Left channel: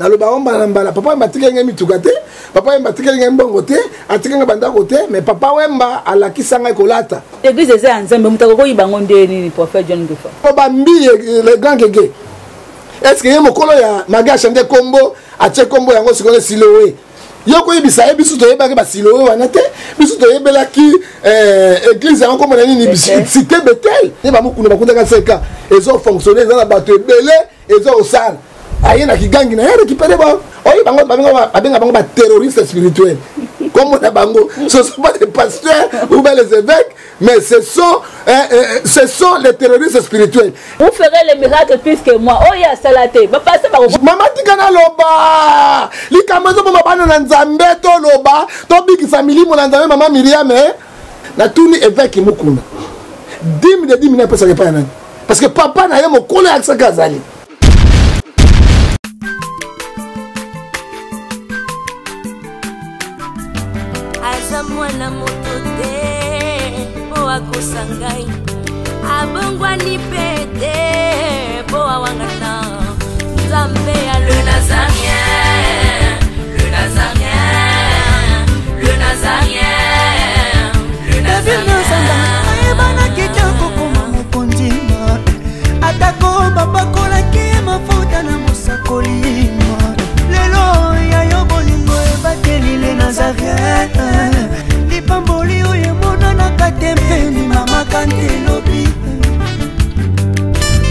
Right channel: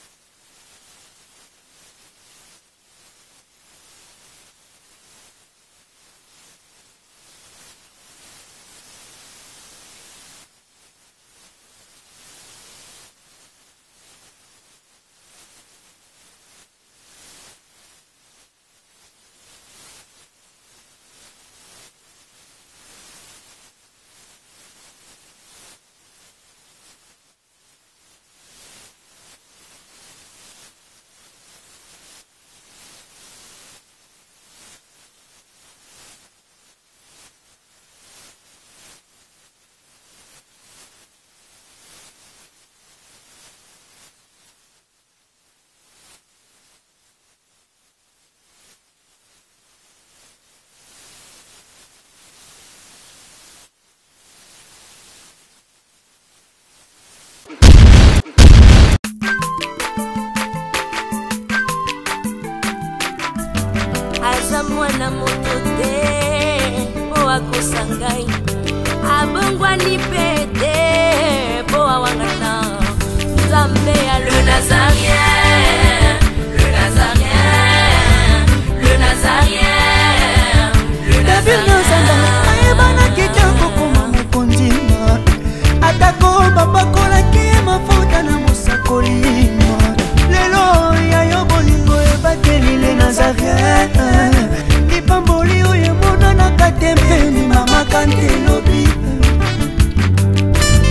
na lo ba omba na mbala papa Wemba tika ngai mitukate papa Wemba tika ngai mbongo te atika ngai banda côté mais papa Wemba alakisa ngai kolata église eza nzambe mutako ko yibango ndeni ni prophète John Ngefa o ba mbi le grand gege est-ce que yemo kolo ya maga chande kombo atie kombo yango sikone Siloé yoko yebisa biso to yebaka ba Siloé wana te biso to yebela ki église yango kombo nani ni cité Bethel ne ba mukuna bakunda ka seka ezo fonctionner dans la bateau belé ezo osala ayena kigangi na récupérer ba oyi bango babenga bango ba terroristes spirituels comme on a bango ce sont pas des pasteurs ou bien les évêques mais ce sont les terroristes spirituels. Vous ferez les miracles plus que moi. Oh ya salate ba passer ba mama tikana loba likamazo ba bana na nzambe to loba to big family mo na nzambe mama Miriam na tuni évêque mukuna 10 000 pesa ke pa nani parce que papa na ye mo kolo aksa kazali. Mwana moto te po akosangai abongwa ni pete po awangana nzambe ya le Nazarien David Nzamba ayebana kitoko kuma mukondima atako babakolaki mafuta na mosakolima lelo ya yo bolingo ebateli le Nazarien Pamboli oye mona na katempeni mama kantelobi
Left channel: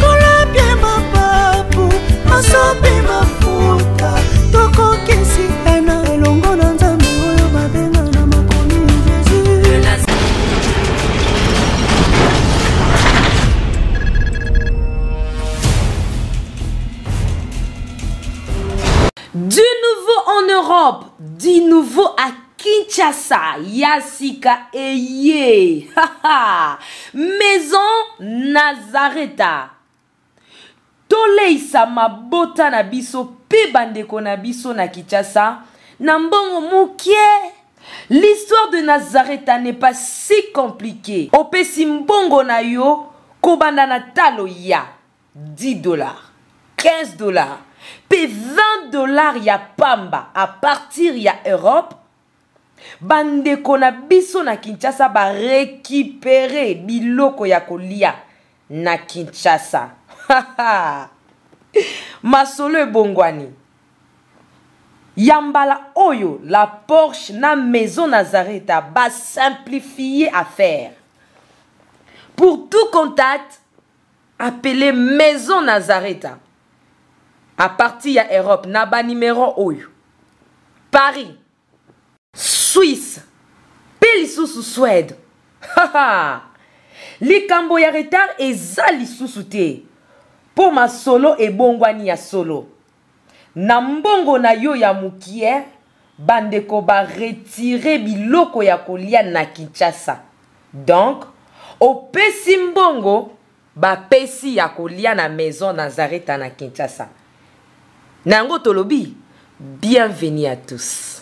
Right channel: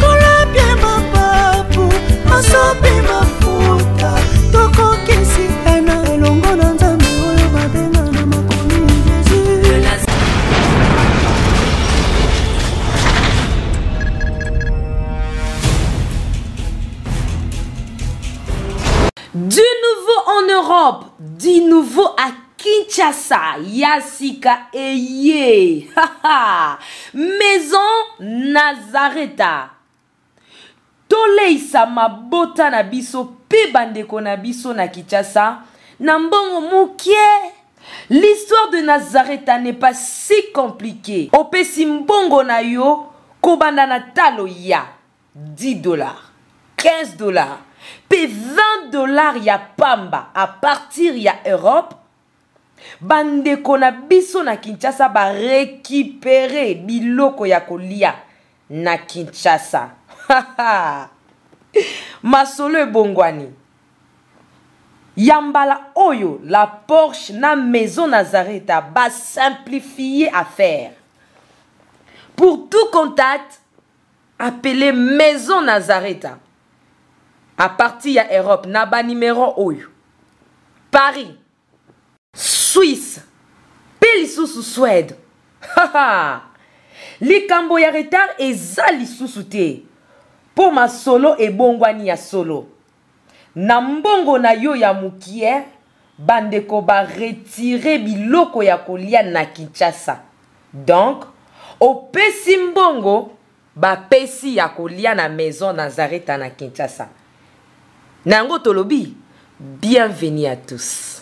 kola pie mapapu masope mafuta toko kesi ena elongo na nzambe oyo babenga na makomi Jésus. Du nouveau en Europe, du nouveau à Kinshasa, Yasika Eye, Maison Nazareta. Toleisa mabota na biso pe bandeko na biso na Kinshasa, nambongo mukie. L'histoire de Nazareta n'est pas si compliquée. Opesi mbongo na yo, kobanda na talo ya $10, $15, pe $20 ya pamba à partir ya Europe. Bandeko na biso na Kinshasa ba récupérer biloko ya kolia na Kinshasa. Masolo bongwani. Yambala oyo la Porsche na Maison Nazareta ba simplifier affaire. Pour tout contact, appelez Maison Nazareta. À partir ya Europe na ba numéro oyo. Paris, Suisse, Pelisusu Suède. Likambo ya retard eza lisusu te. Po ma solo e bongwani ya solo. Na mbongo na yo ya mukie, bandeko ba retirer biloko ya kolia na Kinshasa. Donc, opesi mbongo ba pesi ya kolia na Maison Nazareta na Kinshasa. Nango tolobi, bienvenue à tous.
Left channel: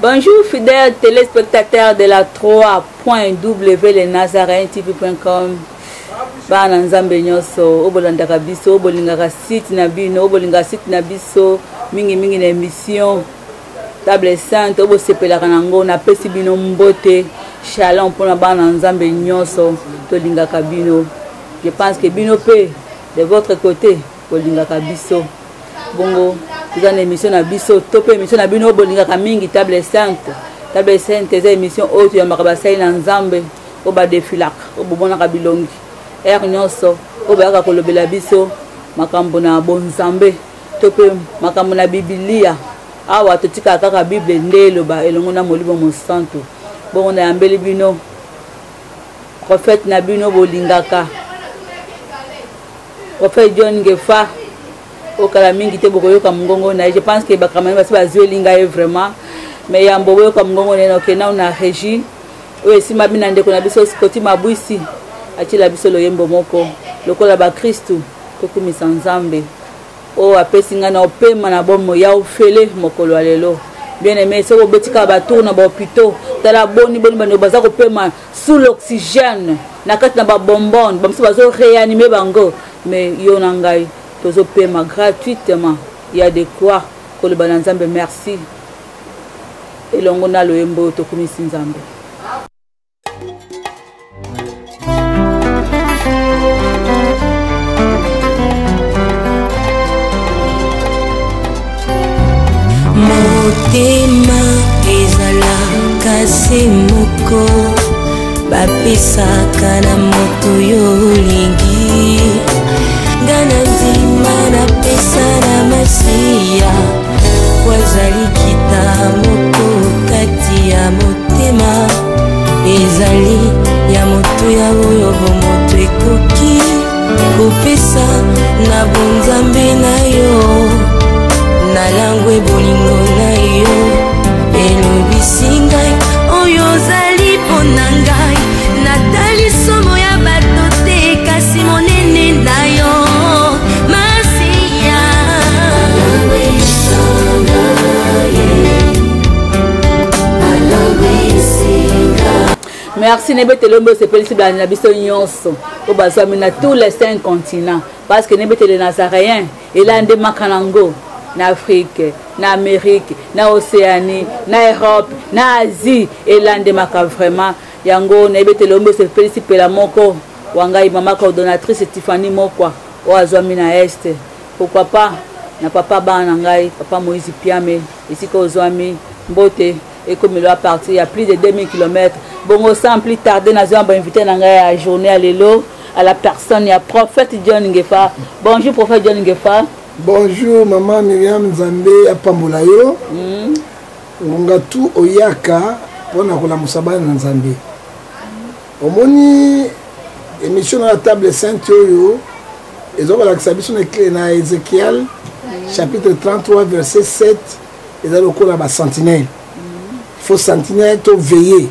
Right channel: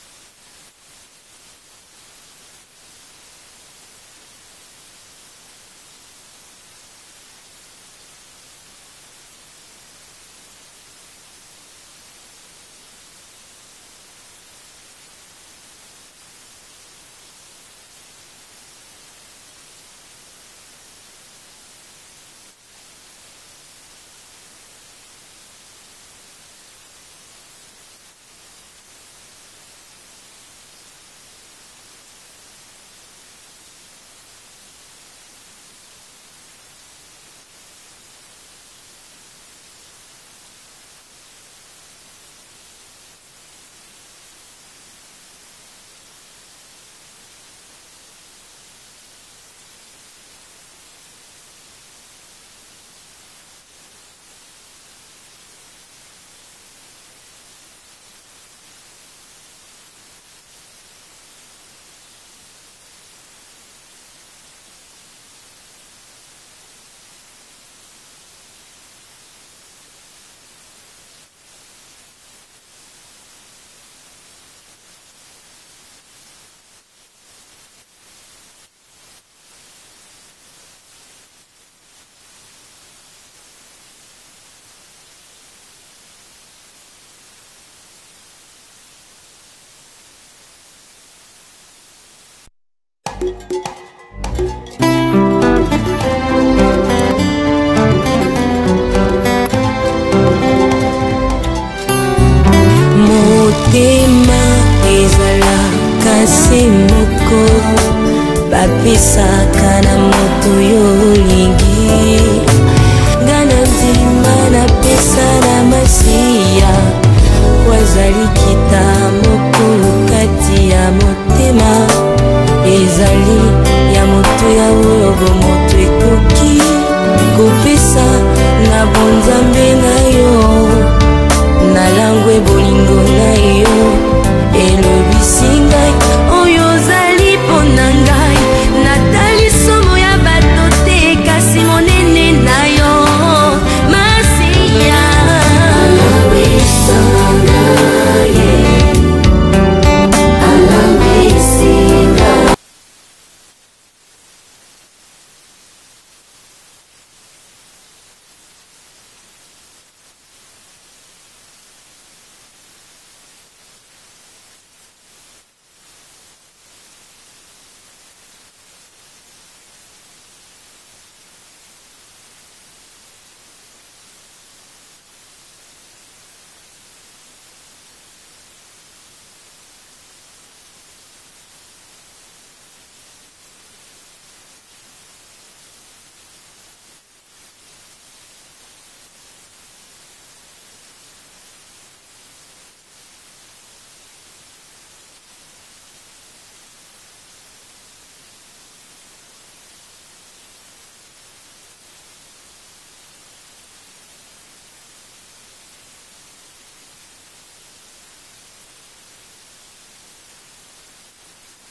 Bonjour fidèles téléspectateurs de la 3.w lenazarentv.com. Bana nzambe nyoso obolandaka biso obolingaka site na bino obolinga site na biso mingi na émission table sainte obosepelaka nango na pesi bino mbote shalom pona bana nzambe nyoso tolingaka bino. Je pense que bino pe de votre côté bolingaka biso bongo vous avez une émission na biso topé émission na bino bolingaka mingi table sainte eza émission autre ya makabasai na nzambe oba defilak obobonaka bilongi nyonso obayaka kolobela biso makambo na bonzambe to pe makambo na Biblia awa totika kaka Bible nde eloba elongo na Molimo Mosantu bongo na yambeli bino prophète na bino bolingaka prophète John Ngefa okala mingi te bokoyoka mongongo na je pense que bakamani basi bazwelinga vraiment mais yambo boyoka mongongo na okena na régie oyo sima bina ndeko na biso Scotty Mabwisi atila biso loyembo moko lokola ba Kristu kokumisa nzambe o apesinga na opema na bomo ya ofele mokolo lelo bien aimé so bobetika ba tourna ba hôpitaux tala boni bano baza kopema sous l'oxygène na kati na ba bonbon bamso bazo réanimer bango mais yo na ngai tozopema gratuitement. Il y a de quoi que le Bananzambe merci. Et l'on a le embo tokumisi nzambe. Motema ezalaka semoko bapesaka na moto yo olingi nga na nzima napesa na masiya po ezali kitambo kati ya motema ezali ya moto ya oyo moto ekoki kopesa na bonzambe na yo na langwe bolingo na yo elobisinga oyo ozali mpona ngai natali solo ya bato te kasi monene na yo masiya Merci Nebete Lombo se félicite à Nabiso Nyonso au Bazami na tous les 5 continents parce que Nebete les Nazaréens et là en Makanango na Afrique, na Amérique, na Océanie, na Europe, na Asie et là en Maka vraiment yango Nebete Lombo se félicite la moko wangai mama coordonnatrice Tiffany Mokwa au Azami na Est pourquoi pas na papa Banangai papa Moïse Piame ici ko Ozami Mbote et comme il va partir, il y a plus de 2000 km. Bon, sans plus tarder, nous avons invité à la journée à l'élo, à la personne, il y a prophète John Ngefa. Bonjour, prophète John Ngefa. Bonjour, maman Myriam Nzambe à Pambolayo. Ngatu Oyaka, on a la Moussaba Nzambe. Omoni, émission à la table sainte, ils ont la sabition éclairée dans Ézéchiel, chapitre 33, verset 7, ils ont le cours à la sentinelle. Il faut sentinelle to veiller.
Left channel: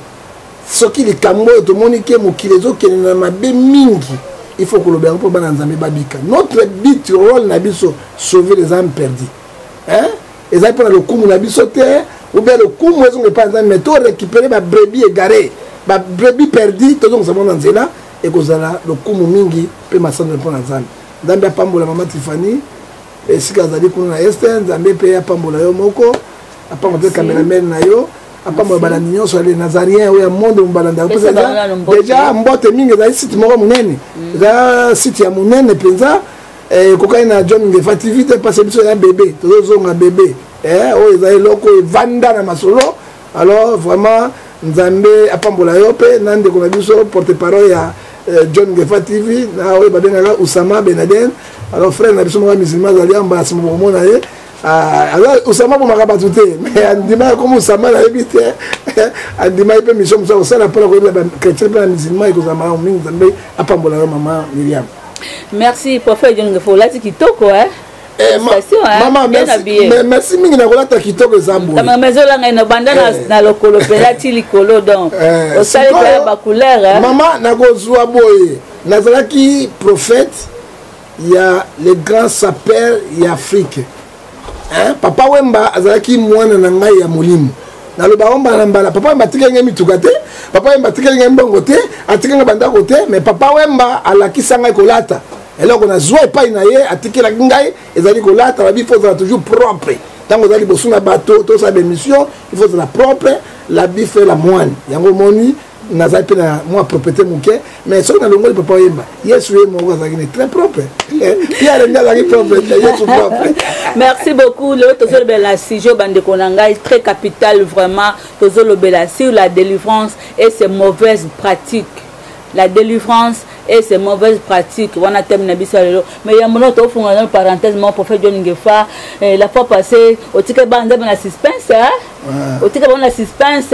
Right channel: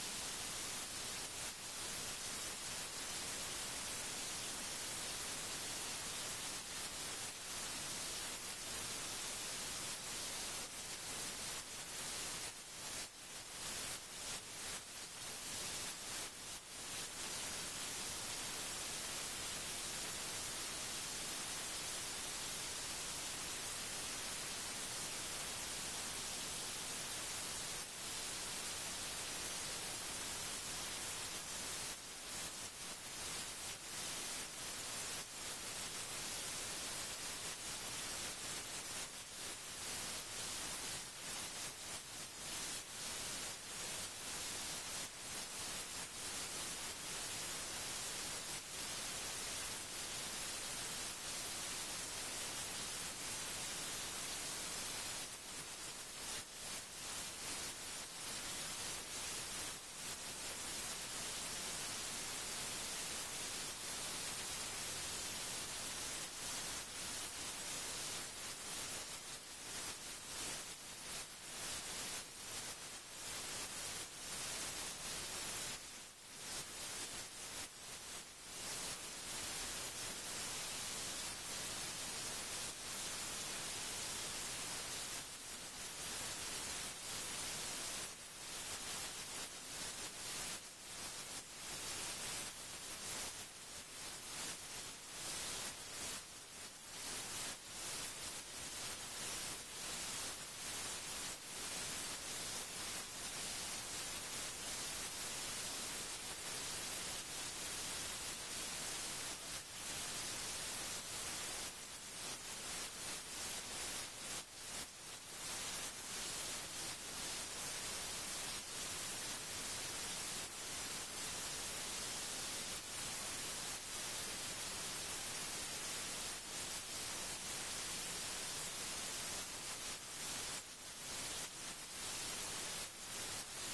Ce qui est comme tout le monde qui est mokilezo qui est na mabe mingi. Il faut que le béro pour bananzambe babika. Notre but rôle na biso sauver les âmes perdues. Hein? Et ça prend le coup na biso terre ou bien le coup moi on pas mais to récupérer ma brebis égarée, ma brebis perdue tout donc ça mon nzela et que ça le coup mingi peut masandre pour nzambe. Nzambe pambola maman Tiffany et si kazali kuna Esther nzambe pe pambola yo moko apa mo cameraman na yo. Après moi balandinyo sur les Nazariens ou un monde où balanda déjà mbote mingi za site moko munene za site ya munene penza kokai na John Ngefa TV te parce que c'est un bébé tozo nga bébé o za loko vanda na masolo alors vraiment nzambe apambola yo pe nande ko na biso porte-parole ya John Ngefa TV na o babenga Usama Benaden alors frère na biso mo musulman za liamba simo mona ye alors Osama pour m'a battu mais andima comme Osama la évité andima ipe mission ça ça la pour la chrétien pas musulman et Osama on mingi zambe apambola maman Myriam. Merci prophète John Ngefo là kitoko hein. Maman merci mingi na kolata kitoko zambo. Ta maison là ngena banda na lokolo pelati likolo donc au sale ba couleur hein. Maman na kozwa boye nazalaki prophète il y a les grands sapeurs y Afrique. Papa Wemba azalaki mwana na ngai ya molimo naloba omba na mbala papa Wemba tikenge mituka te papa Wemba tikenge mbongo te atikenge bandako te mais papa Wemba alakisa ngai kolata eloko na zwa epai na ye atikela ngai ezali kolata babi faut être toujours propre tango ezali bosu na bato to sa émission il faut être propre la bi fait la moine yango moni nazali pe na moi propriété muke mais soki na longo papa Wemba yesu ye moko azalaki ne très propre Pierre ndazaki propre yesu propre. Merci beaucoup le tozo le belasi jo bande konangai très capital vraiment tozo le belasi sur la délivrance et ses mauvaises pratiques la délivrance et ses mauvaises pratiques on a terminé biso lelo mais il y a mon autre fonction dans parenthèse mon prophète John Ngefa la fois passée au ticket bande na suspense hein au ticket bande suspense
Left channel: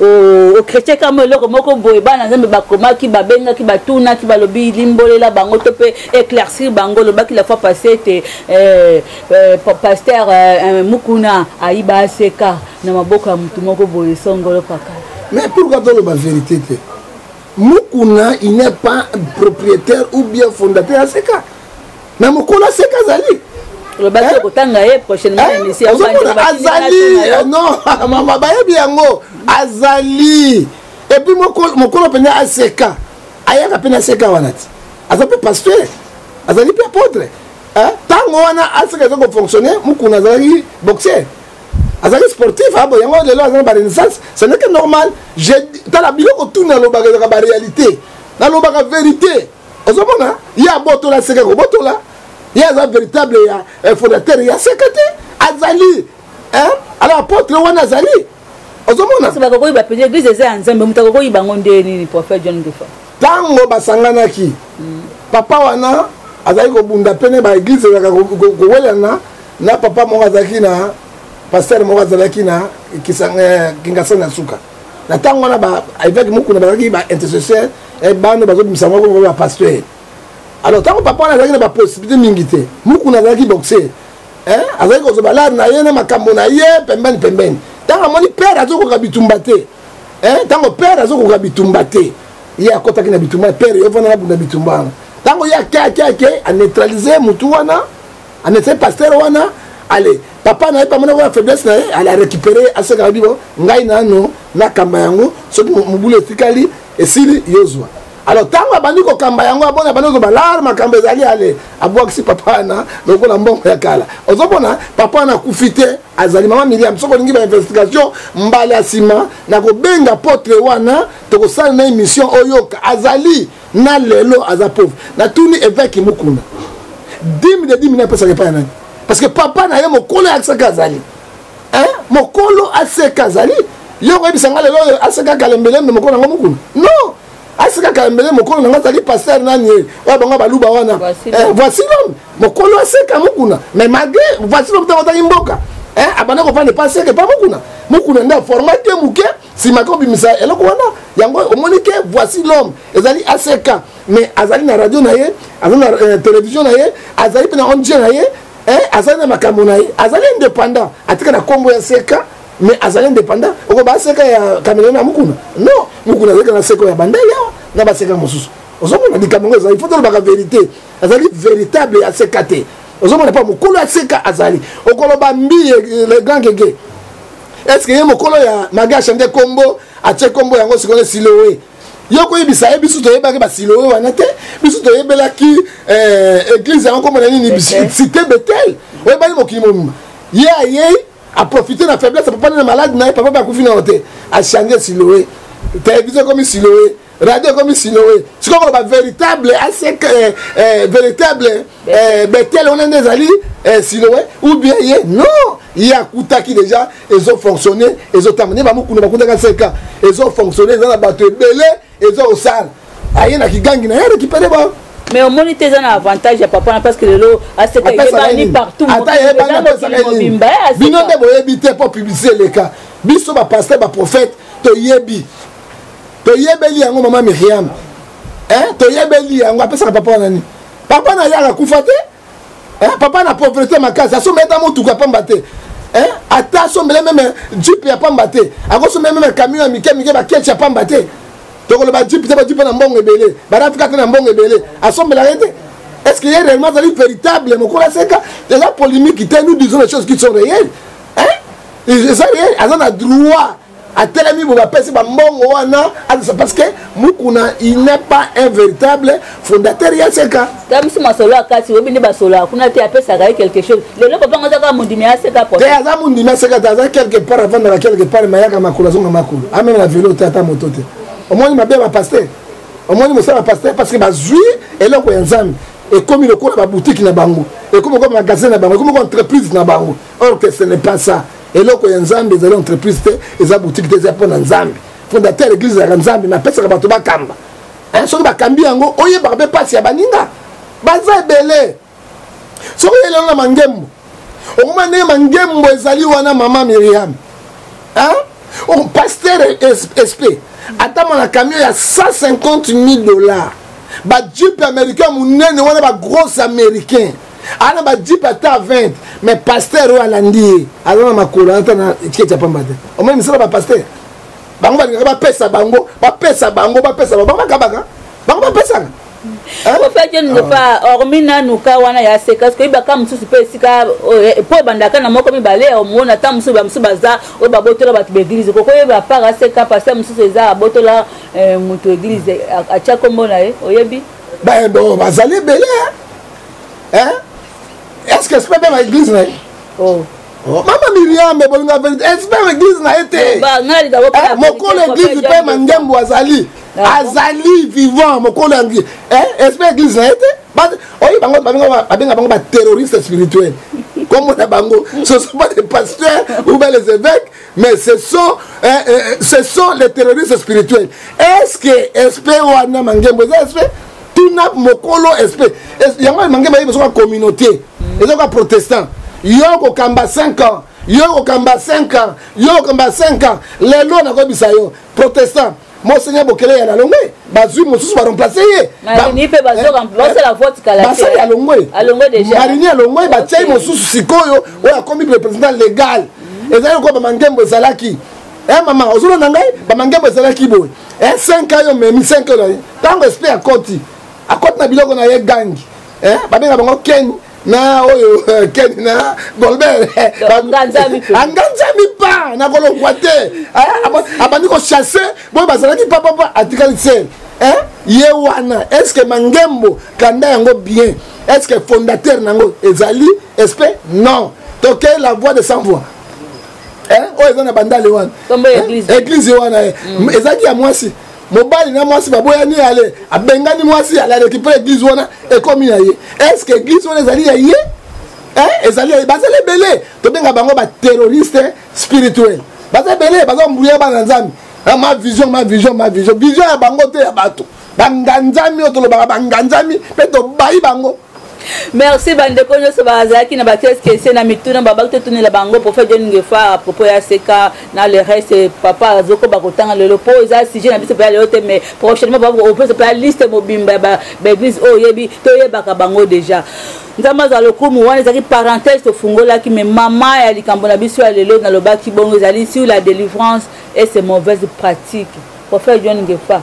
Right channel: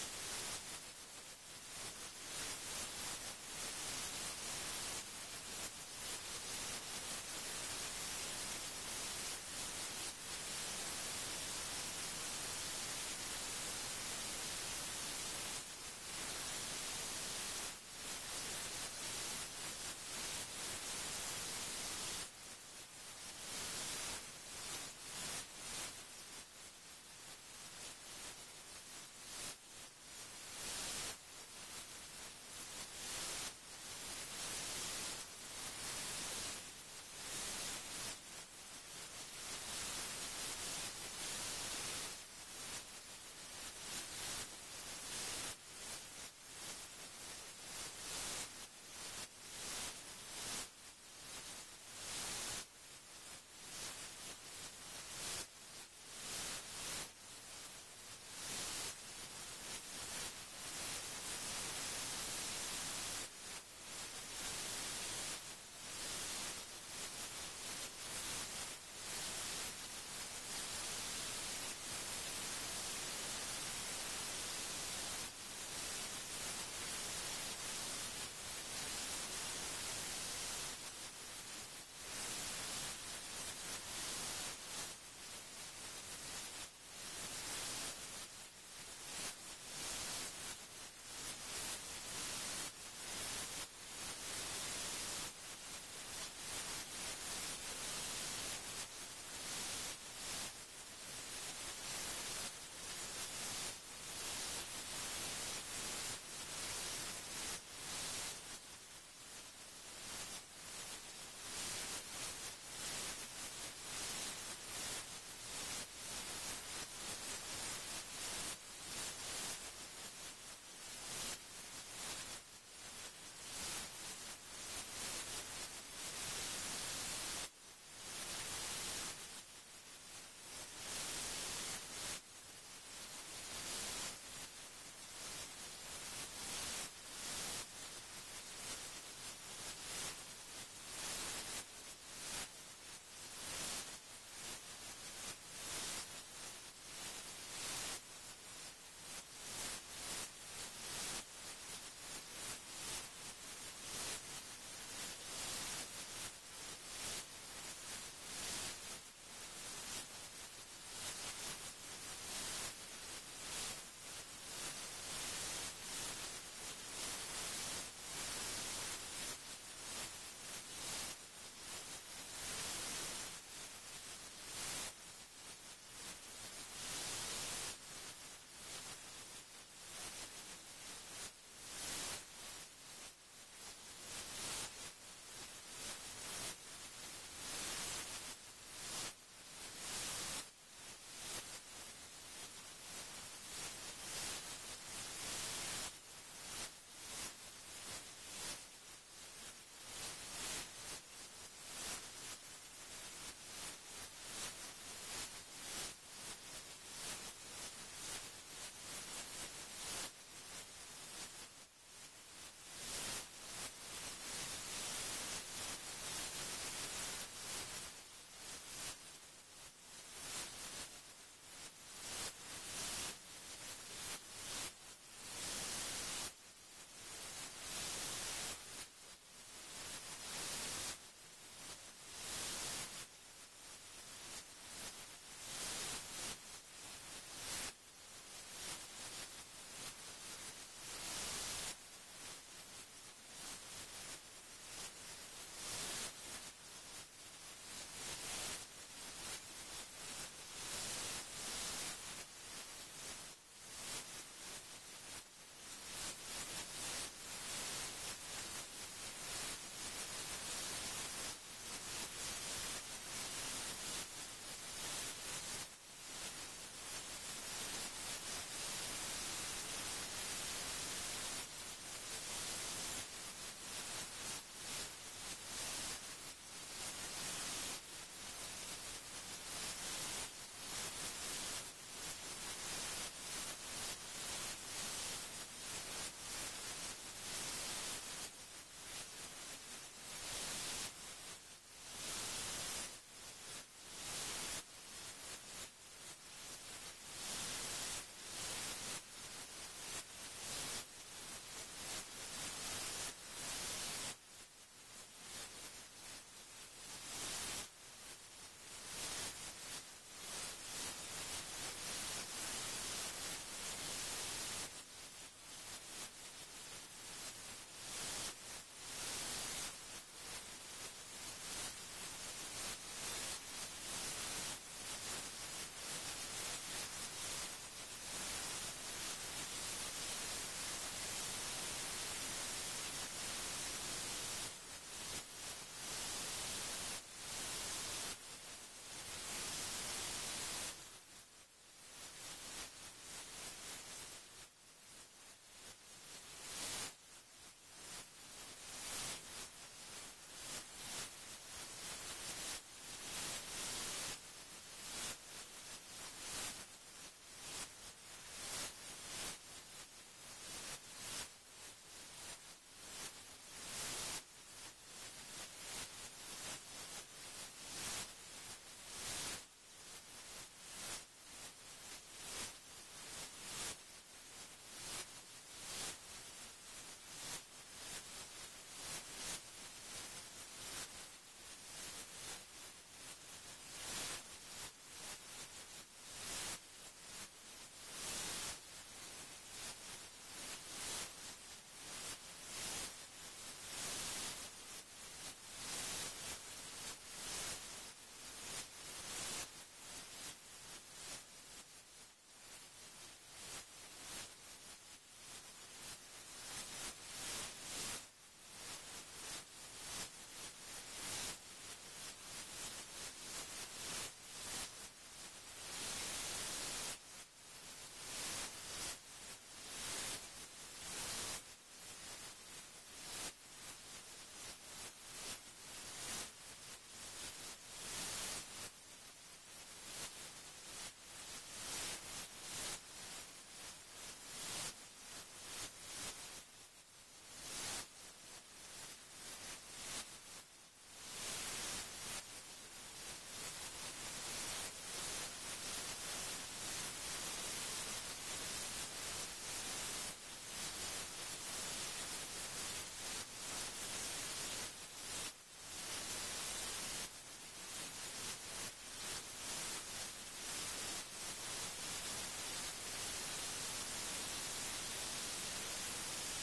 au chrétien comme le moko boye bana nzambe bakoma ki babenga ki batuna ki balobi limbolela bango to pe éclaircir bango le baki la fois passée était pasteur Mukuna aiba seka na maboko ya mutu moko boye songolo paka mais pourquoi dans la vérité Mukuna, il n'est pas propriétaire ou bien fondateur à Seka. Mais Mukuna Seka Zali. Le bateau Kotanga est prochainement ici. Azali. Non, maman Baye Biango. Azali. Et puis Mukuna Pena à Seka. Aya Pena Seka Wanati. Azape pasteur. azali pe apôtre tango wana asika ezoko fonctionner mukuna azali boxer azali sportif abo yango lelo azali ba renaissance ce n'est que normal je tala biloko tuna lobaka ezaka ba réalité na lobaka vérité ozomona ya botola seka ko botola ya za véritable ya fondateur ya seka te azali alors apôtre wana azali ozomona c'est pas ko iba pe église eza nzambe mutako ko iba ngonde ni prophète John Defa tango basanganaki papa wana azali kobunda pene ba église ezaka kowelana na papa moko azalaki na pasteur moko azalaki na kingasani na suka na ntango wana baevêque mokuna bazalaki baintercesseur bana bazobimisa moko bapasteur alors ntango papa wana azalaki na bapossibilité mingi te mokuna azalaki boxer azalaki kozwa balade na ye na makambo na ye pembeni ntango amoni père azokoka bitumba te ntango père azokoka bitumba te ye akotaki na bitumba père evana nabunda bitumba wana ntango ye ake aneutralize mutu wana aneutralize pasteur wana ale papa na ye pamona wana faiblesse na ye ale arécupéré asekaka bibo ngai nano nakamba yango soki mobulu etikali esili yozwa alors ntango abandi kokamba yango abona abandi kozwa balare makambo ezali ale abwakisi papa wana lokola mbongo ya kala ozomona papa wana akufi te azali mama Miriam soki olingi bainvestigation mbala ya nsima na kobenga potre wana tokosala na émission oyoka azali na lelo aza pauvre natuni évêque mokuna 10 000 apesaka epai ya nani parce que papa na ye mokolo aseka azali mokolo aseka azali yo koyebisanga lelo aseka kalembelembe mokolo nango mokuna non aseka kalembele mokolo nango azali pasteur nani ye oyo bango baluba wana voici l'homme mokolo aseka mokuna mais malgré voici l'homme ntango otaki mboka abanda kopanda epa aseka epa mokuna nde formate moke nsima kobimisa eloko wana yango omoni ke voici l'homme ezali aseka mais azali na radio na ye azali na télévision na ye azali mpe na ONG na ye azali na makambo na ye azali indépendant atika na kombo ya seka mais azali indépendant oko baseka ya Cameroun na mukuna non mukuna azali na seka ya bandeli awa na baseka mosusu ozomona likambo ezali faut tolobaka vérité azali véritable ya seka te ozomona pa mokolo ya seka azali okoloba mbi le grand gege est-ce que ye mokolo ya maga chante kombo atie kombo yango sikone silowe yo koyebisa ye biso toyebaki basilowe wana te biso toyebelaki église yango kombo na nini cité Bethel oyebaki mokili mobimba ye ayei aprofite na faiblesse papa na malade na ye papa bakufi na hote achange silowe télévision comme silowe radio comme silowe sikoyo ba véritable asek véritable Bethel on est ezali silowe ou bien ye non il a akutaki déjà ezo fonctionner ezo tamane ba mukuna bakundaka seka ezo fonctionner ezana bato ebele ezo osala aye na kigangi na ye récupérer ba mais au moins tu as un avantage à papa parce que le aseka est partout bino de boyebi te pour publier les cas biso ba pasteur ba prophète to yebeli yango mama Miriam to yebeli yango apesa papa nani papa na yaka kufa te papa na pauvreté makasi asometa motuka pamba te ata asomele meme jeep ya pamba te akosomele meme camion ya mike baketch ya pamba te tokoloba jeep te bajeep na mbongo ebele barafika te na mbongo ebele asombela ye te est-ce qu'il y a réellement véritable mokolo aseka déjà polémique te nous disons les choses qui sont réelles eza réel aza na droit atelemi bo bapesi bambongo wana parce que mukuna il n'est pas un véritable fondateur ya seka tamisi masolo akati obindi basolo akuna te apesaka quelque chose lelo papa ngozaka mundimi aseka po te aza mundimi aseka aza quelque part avant de quelque part mayaka makula zonga makula amena na vélo tata moto te omoni mabe ba pasteur omoni mosala pasteur parce que bazui eloko ya nzambe ekomi lokola ba boutique na bango ekomi comme magasin na bango ekomi comme entreprise na bango or que ce n'est pas ça eloko ya nzambe ezali entreprise te eza boutique te eza mpo na nzambe fondateur église ya nzambe na pesaka bato bakamba soki bakambi yango oyebaka mpe pasi ya baninga baza ebele soki oyelelo na mangembo okoma ndenge mangembo ezali wana mama Miriam pasteur SP atama na camion ya $150,000 bajeep américain munene wana bagros américain ana bajeep ata 20 mais pasteur oyo alandi ye aza na makolo ata na tiketi ya pamba te omoi misala bapasteur bango balingaka bapesa bango bango bakabaka bango bapesaka ofete ndefa hormis nanuka wana ya seka parce que ibaka mosusu mpe esika po ebandaka na moko mibale omona ata mosusu bamosusu baza oyo babotola bato baeglize kokoyeba part aseka paster mosusu eza abotola moto eglize atya kombo na ye oyebi bazali ebele hein est-ce que esprit même église na oh mama Miriam me bolinga vérité esprit église na été mokolo église pe mangembo azali vivant mokolo angi esprit église na été oyi bango babenga bango ba terroristes spirituels comme on a bango ce sont pas des pasteurs ou bien les évêques mais ce sont les terroristes spirituels. Est-ce que esprit wana mangembo esprit tout n'a mokolo esprit yango mangembo yi besoin communauté besoin protestant yoko kamba 5 ans yoko kamba 5 ans yoko kamba 5 ans les lois na ko bisayo protestant Monseigneur Bokele ya longwe bazui mosusu ba remplacer ye ni pe bazo remplacer la vote kala basa ya longwe déjà marini ya longwe ba tchai mosusu sikoyo oya komi représentant légal ezali ko ba mangembo zalaki maman ozolo na ngai ba mangembo zalaki boy 5 ans yo memi 5 ans tango esprit akoti na biloko na ye gangi babenga bango Ken na oyo Ken na Golbert anganzami pa na kolongwa te abandi ko chasser boy bazalaki papa atikali sel ye wana est-ce que mangembo kanda yango bien est-ce que fondateur nango ezali esprit non toquer la voix de sans voix oyo eza na bandale wana église wana ezaki ya mwasi mobali na mwasi baboyani ale abengani mwasi ala récupérer église wana ekomi na ye est-ce que église wana ezali ya ye ezali bazali belé to benga bango ba terroriste spirituel bazali belé bazo mbouya bana nzambi ma vision ya bango te ya bato banganzami otolo banganzami pe to bayi bango. Merci bandeko nyoso bazaki na bakes kese na mituna babakte tuni la bango pour faire une fois à propos ya seka na le reste papa zoko bakotanga le po za sujet na biso pa le hote mais prochainement ba on peut se faire liste mobimba ba église o yebi to yebaka bango déjà nzamba za lokumu wana zaki parenthèse to fungola ki mais maman ya likambo na biso ya lelo na lobaki bongo zali sur la délivrance et ses mauvaises pratiques pour faire une fois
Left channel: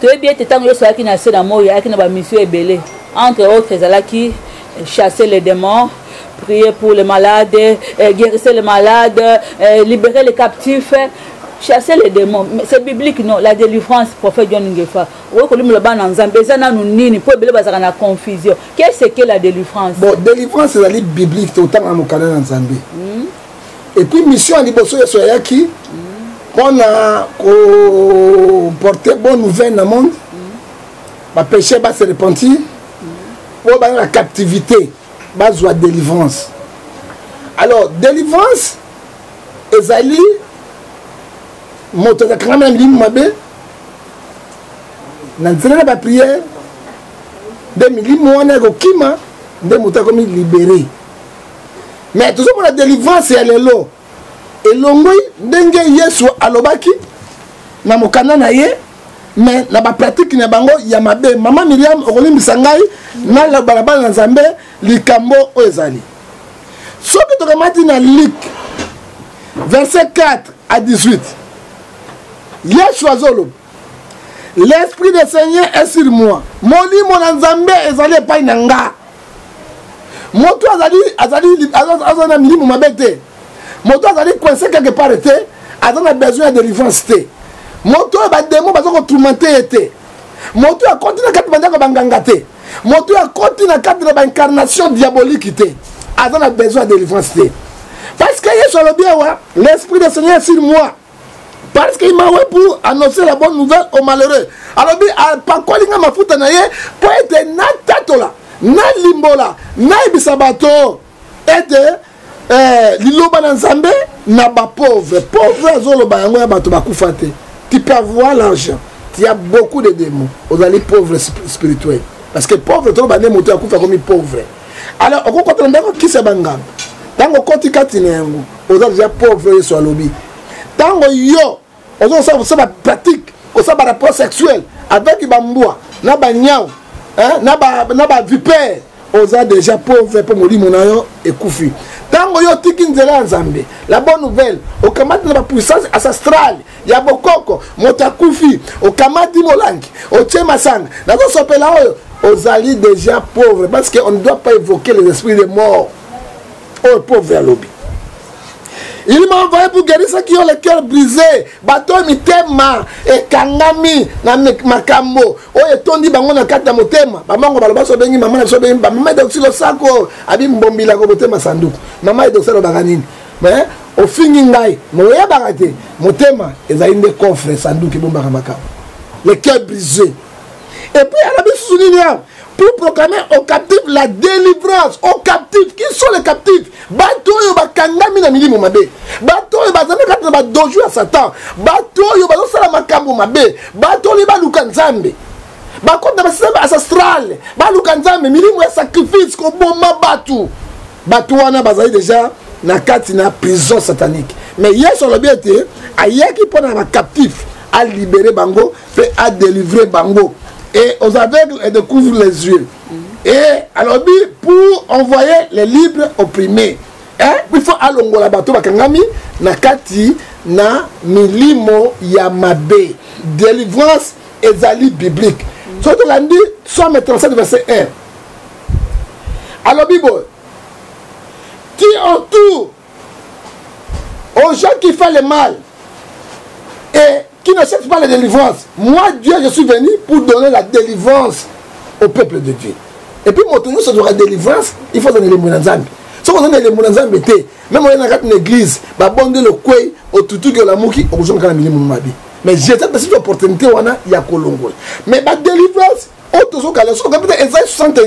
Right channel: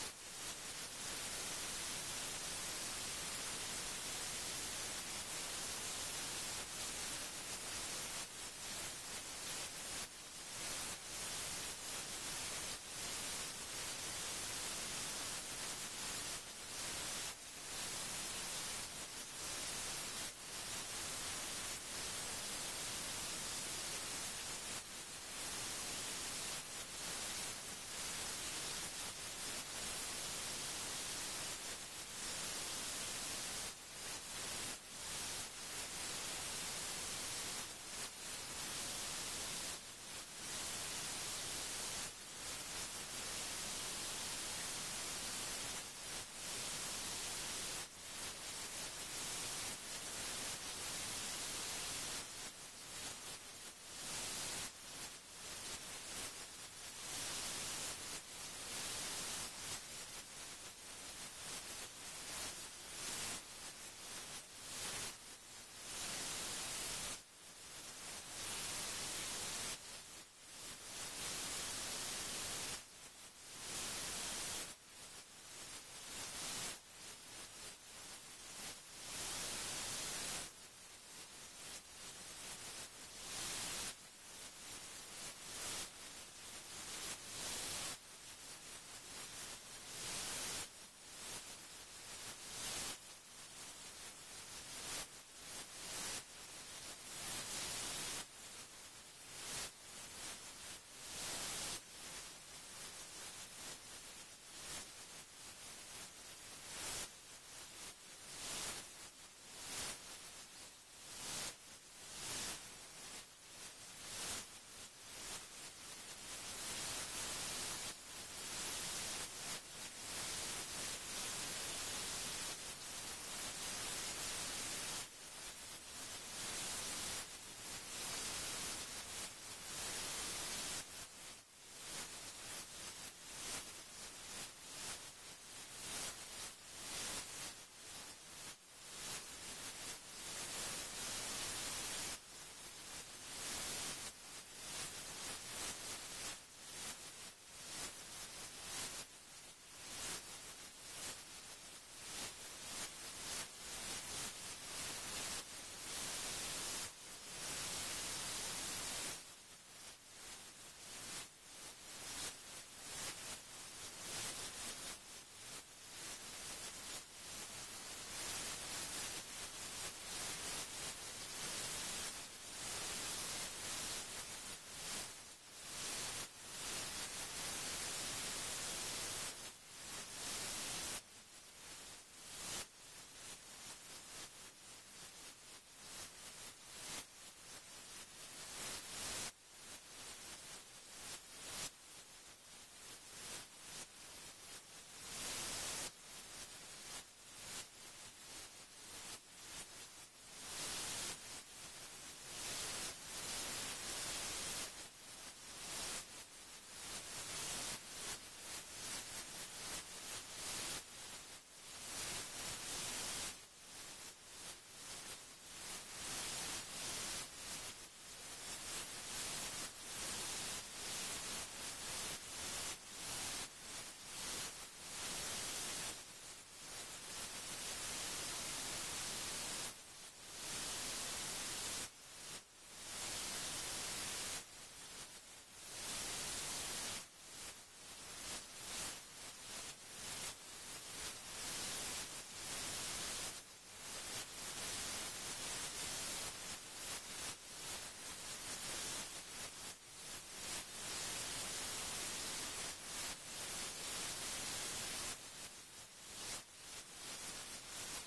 to yebi ete tango yo soaki na se na moya aki na ba mission ebele. Entre autres, qui chasser les démons, prier pour les malades, guérir les malades, libérer les captifs, chasser les démons. C'est biblique, non? La délivrance, prophète John Ngefa. Confusion. Qu'est-ce que la délivrance? Bon, délivrance, c'est la libre biblique, tout le temps à mon canal en Zambie. Et puis, mission à Liboso Yasoyaki, on a porté bonne nouvelle dans le monde, le péché va se repentir. Pour la captivité, base de délivrance. Alors, délivrance, ezali, moto quand même limabé, n'entraîne pas prière, des milimoine gokima, des motos comme libéré. Mais tout ça pour la délivrance, c'est aller là. Et l'ongoi, dengue yesu alobaki, na mokana na ye. Mais la pratique na bango ya mabe maman Miriam okoli misangai na la balabala na Nzambe likambo ezali soki to kamati na Luc verset 4 à 18 Yeshua zolo l'esprit du Seigneur est sur moi molimo na Nzambe ezali epai na nga moto azali milimo mabe te moto azali coincé quelque part te azana besoin de délivrance te moto ba démon bazo ko tourmenter été moto a continué kat banda ko banganga te moto a continué kat ba incarnation diabolique te a besoin de délivrance te parce que Yesu le bien wa l'esprit du Seigneur est sur moi parce qu'il m'a envoyé pour annoncer la bonne nouvelle aux malheureux alors bi pa ko linga mafuta na ye pour être na tatola na limbola na ibisabato et liloba na Nzambe na ba pauvre azolo ba yango ya bato bakufa te. Tu peux avoir l'argent. Il y a beaucoup de démons. Vous allez pauvres spirituels. Parce que pauvre, tu vas monter à coup comme pauvre. Alors, on compte qui se bangam. Tant qu'on compte katinengo, on a déjà pauvre sur lobby. Tant qu'on yo, on a ça pratique, on a rapport sexuel avec bamboua, na ba nyao, na ba vipère, on a déjà pauvre pour mourir mon ayo et koufi. Tango yo tiki nzela Nzambe la bonne nouvelle okamati na puissance ancestral ya bokoko motakufi okamati molangi ochema sanga nazo sopela oyo ozali déjà pauvre parce que on ne doit pas évoquer les esprits de mort oh pauvre à lobby Il m'a envoyé pour guérir ceux qui ont le cœur brisé. Bato mitema et kangami na makambo. Oye tondi bango na kata motema. Bamango baloba so bengi mama na so bengi mama de oxilo sako abi mbombila ko motema sanduku. Mama de oxilo baganini. Mais au fini ngai moya bagate motema ezali nde coffre sanduku bomba makambo. Le cœur brisé. Et puis à la bisounia pour proclamer aux captifs la délivrance. Aux captifs, qui sont les captifs? Bato yo bakangami na milimo mabe. Bato yo bazana kata ba doju à Satan. Bato yo bazo sala makambo mabe. Bato li ba lukanzambe. Ba konta ba système ancestral. Ba lukanzambe milimo ya sacrifice ko bomba batu. Bato wana bazali déjà na kati na prison satanique. Mais hier sur le bien été, ayaki pona ba captif à libérer bango, fait à délivrer bango. Et aux aveugles, elle découvre les yeux. Et alors, pour envoyer les libres opprimés, hein? Il faut aller au bateau, nakati na milimo yamabe. Délivrance ezali biblique. Surtout lundi, Somme 37, verset 1. Alors, Bible, qui entoure aux gens qui font le mal et qui ne cherche pas la délivrance. Moi, Dieu, je suis venu pour donner la délivrance au peuple de Dieu. Et puis, mon ça doit la délivrance, il faut donner les mounanzambi. Si on donne les mounanzambi, même on est dans une église, on bonde le koué, au toutou que la mouki, on joue quand même mounabi. Mais j'ai cette opportunité, il y a Kolongo. Mais la délivrance, on a peut-être Esaïe 61.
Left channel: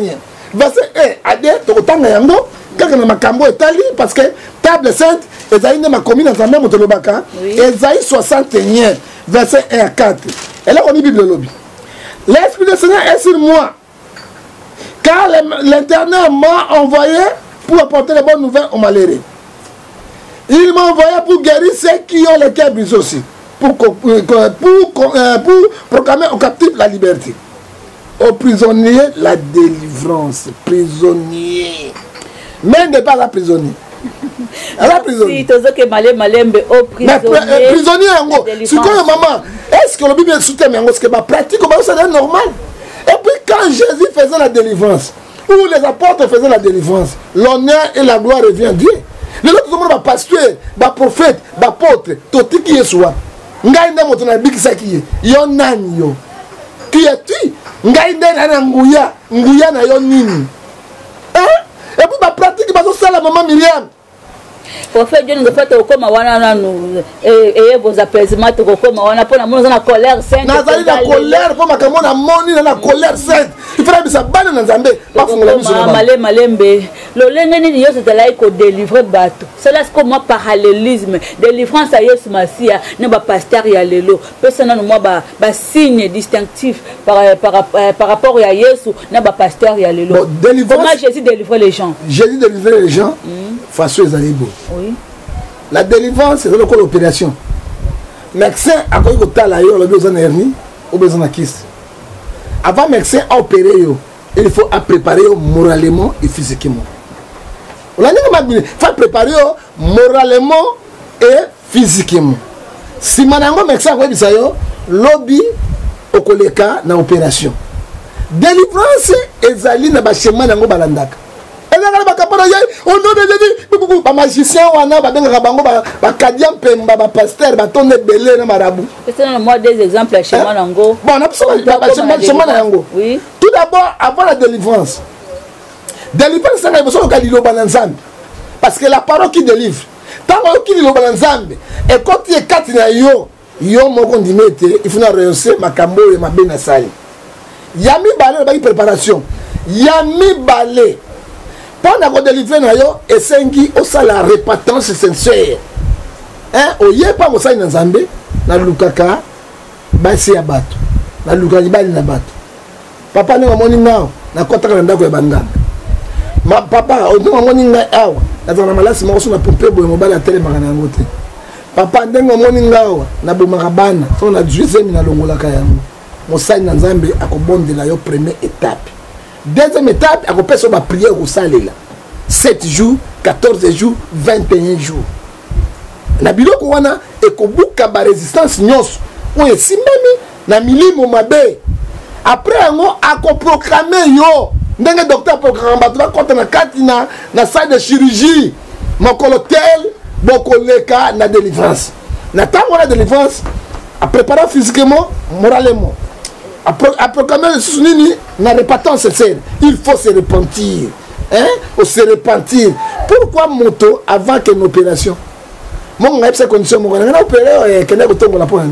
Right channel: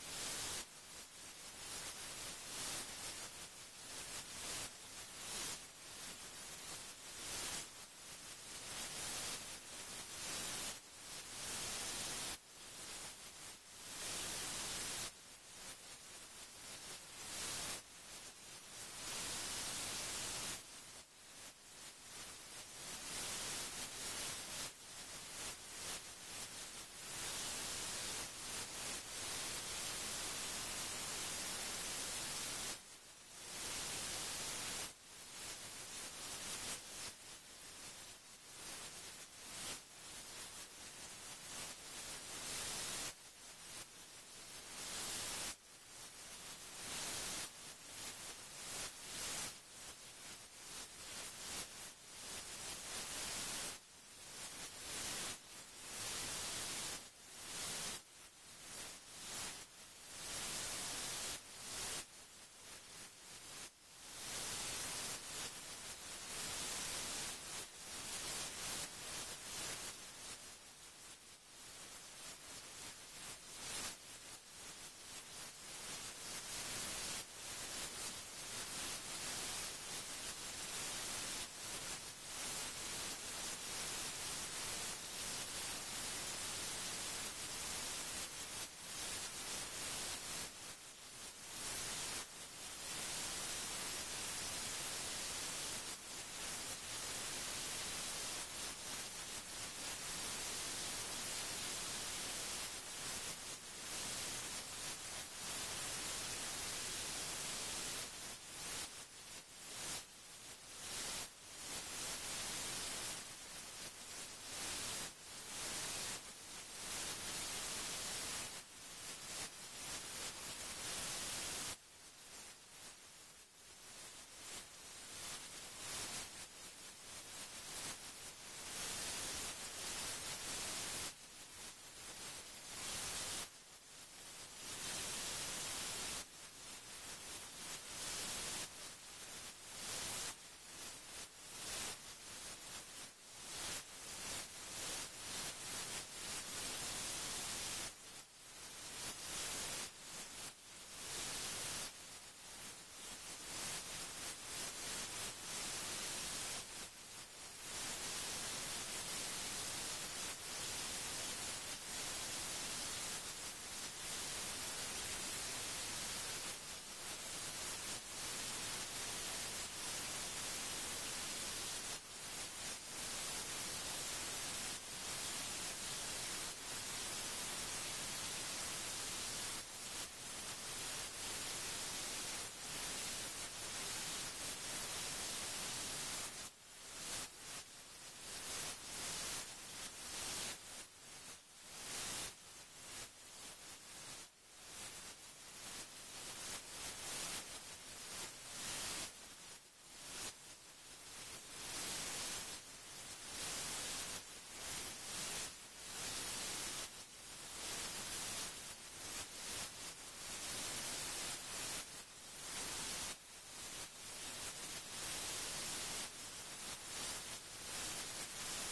Verset 1 à 2, tu as yango, quelqu'un n'a makambo etali, parce que table sainte, Esaïe n'a pas commis dans sa même autolobaka. Esaïe 61. Verset 1 à 4. Et là, on dit Bible lobby. L'Esprit du Seigneur est sur moi. Car l'Éternel m'a envoyé pour apporter les bonnes nouvelles aux malheureux. Il m'a envoyé pour guérir ceux qui ont les cœurs brisés aussi. Pour proclamer aux captifs la liberté. Aux prisonniers la délivrance. Prisonnier. Mais n'est pas la prisonnier. Si, tu que malembe au prisonnier. Prisonnier, c'est quoi maman? Est-ce que le Bible soutient ce que ma pratique c'est normal? Et puis quand Jésus faisait la délivrance, ou les apôtres faisaient la délivrance, l'honneur et la gloire revient à Dieu. Les autres sont des pasteurs, des prophètes, des apôtres, tout qui est soi. Ngai nda moto na bikisa ki yo nani yo. Qui es-tu? Ngai nda na nguya na yo nini? Hein? Et puis ma pratique bazo sala maman Myriam. Prophète Dieu nous fait au coma wana nous et vos apaisements au coma wana pour na na colère sainte. Nazali na colère pour makambo na moni na colère sainte. Il faut bisa bana na Nzambe pas fungula biso na malembe. Lo lengeni ni yoso tala ko délivrer bato. Cela c'est comme parallélisme, délivrance à Yesu Masia, ne ba pasteur ya lelo. Personne na moi ba signe distinctif par rapport à Yesu, na ba pasteur ya lelo. Comment Jésus délivrer les gens? Jésus délivrer les gens face aux animaux. Oui. La délivrance, c'est l'opération. Médecin a connu que tu as besoin de hernie ou besoin de kyste. Avant médecin à opérer, il faut préparer moralement et physiquement. Il faut préparer moralement et physiquement. Si madame médecin a dit ça, lobby au koleka na opération. Délivrance ezali na ba chemin nango balandaka. On a magicien, on a des cadiens, des pasteurs, des tonnes de belé, des marabouts. Moi, des exemples chez moi. Bon, on a chez moi. Oui. Tout d'abord, avant la délivrance. Délivrance, c'est une chose qui est parce que la parole qui délivre, tant que tu es et quand tu es quatre, il faut rehausser ma cambo et ma benasali. Yami balé, la préparation. Yami balé. Pendant qu'on délivre et sengi au la répatance sincère. Hein, oye pas mo sai na Nzambe na lukaka basi ya bato. Na lukaka bali na bato. Papa ne ngomoni ngao na kota ka ndako ya banganga. Ma papa o ngomoni ngai awa. Na zana malasi mo so na pompe boye mobali ya tele makana ngote. Papa ndengo ngomoni ngao na bomaka bana. So na 12e na longola ka yango. Mo sai na Nzambe akobondela yo première étape. Deuxième étape, on peut faire une prière au salaire. 7 jours, 14 jours, 21 jours. La biloko wana ekobuka ba résistance nyos. On est si même na milimo mabe. Après on a proclamé yo. Ndenge docteur proclame ba contre na kati na salle de chirurgie. Mokolo tel beaucoup les cas na délivrance. N'attendons la délivrance à préparer physiquement, moralement. À proclamer le soutien na répétant sincère. Il faut se repentir. Hein? Ou se repentir. Pourquoi moto avant qu'une opération? Mon gars, c'est condition, mon gars, on a opéré, qu'on a retourné la pointe.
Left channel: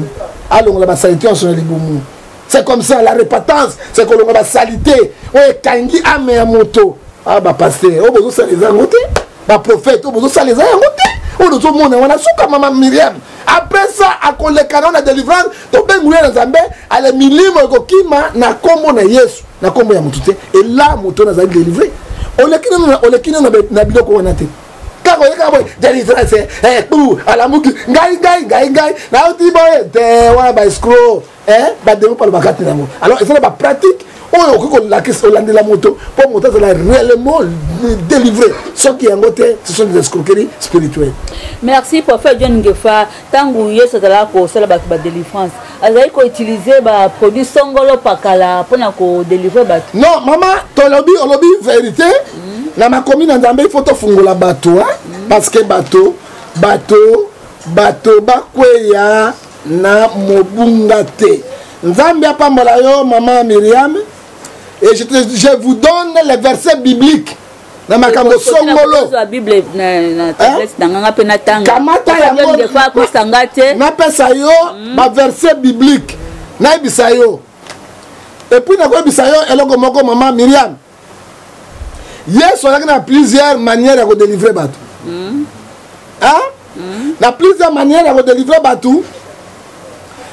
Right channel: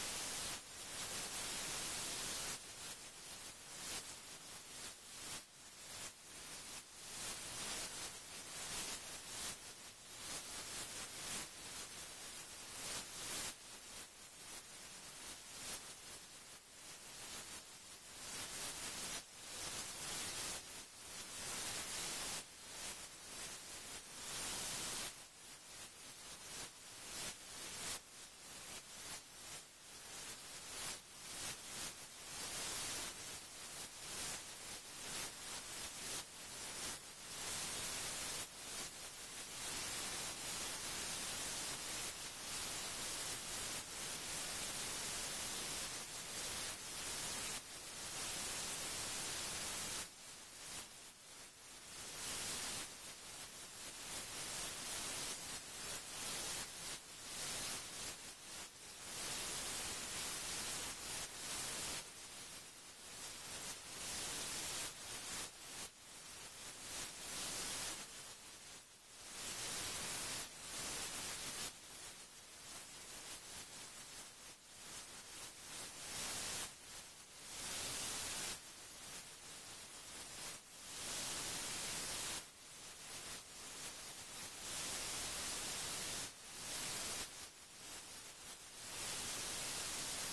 Alors, on a salité, on les boumous. C'est comme ça, la répétence, c'est qu'on a salité. Ouais, kangi ame à moto. Ah, bah, pasteur, on a besoin de ça les angotés. Bah, prophète, on a besoin de ça les angotés. On a besoin de monde, on a souka maman Myriam. Après ça, à qu'on les canons, la délivrance, donc, ben, nous, les Zambé, à la milime, kima, na kombo na yesu, na kombo ya motoute. Et là, moto, n'a délivré. On les kine na biloko wanate. Quand on est délivrance, pour à la mouki, gai, na uti boy, te wa ba escroc, ba de pas le bagat na mo. Alors, c'est la pratique. On a la question de la moto pour monter ça réellement délivré. Ce qui est en côté, ce sont des escroqueries spirituelles. Merci pour faire John Ngefa. Tant que vous êtes là pour ça la délivrance, vous avez utiliser ba produit songolo pakala pour na ko délivrer ba. Non, maman, ton lobby vérité. Na ma commune en Zambie, il faut te fungola bateau parce que bateau bakweya na mobungate. Nzambia pambola yo maman Myriam. Et je vous donne les versets bibliques. Dans ma kambo songolo. La Bible kamata ya na pesa yo ba verset biblique. Na ibisa yo. Et puis na ko ibisa yo eloko moko maman Myriam. Yes, on a plusieurs manières de délivrer bateau. Hein? Na plusieurs manières de délivrer bateau.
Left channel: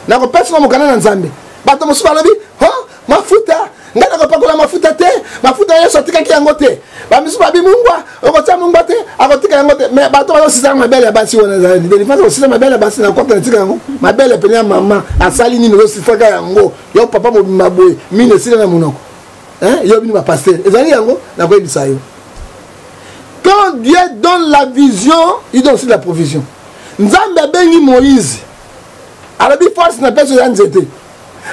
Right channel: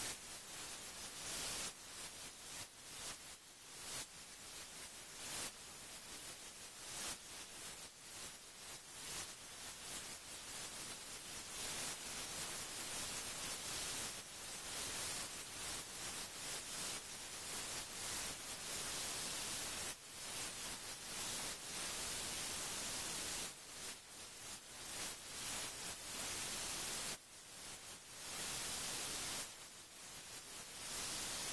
Na ko personne mo kana nzambe. Bateau mo subalobi, "Oh, mafuta ngana ko pakola mafuta te mafuta yeso tika ki yango te ba misu ba bi mungwa okotsa mungwa te akotika yango te mais bato ba sisa mabele ya basi wona za ni fa sisa mabele ya basi na kopta tika yango mabele penya mama asali ni no sisa ka yango yo papa mo maboy mine sila na munoko hein yo bini ba pasteur ezali yango na ko ebisa yo. Quand Dieu donne la vision, il donne aussi la provision. Nzambe bengi Moïse arabi force na pesa ya nzete.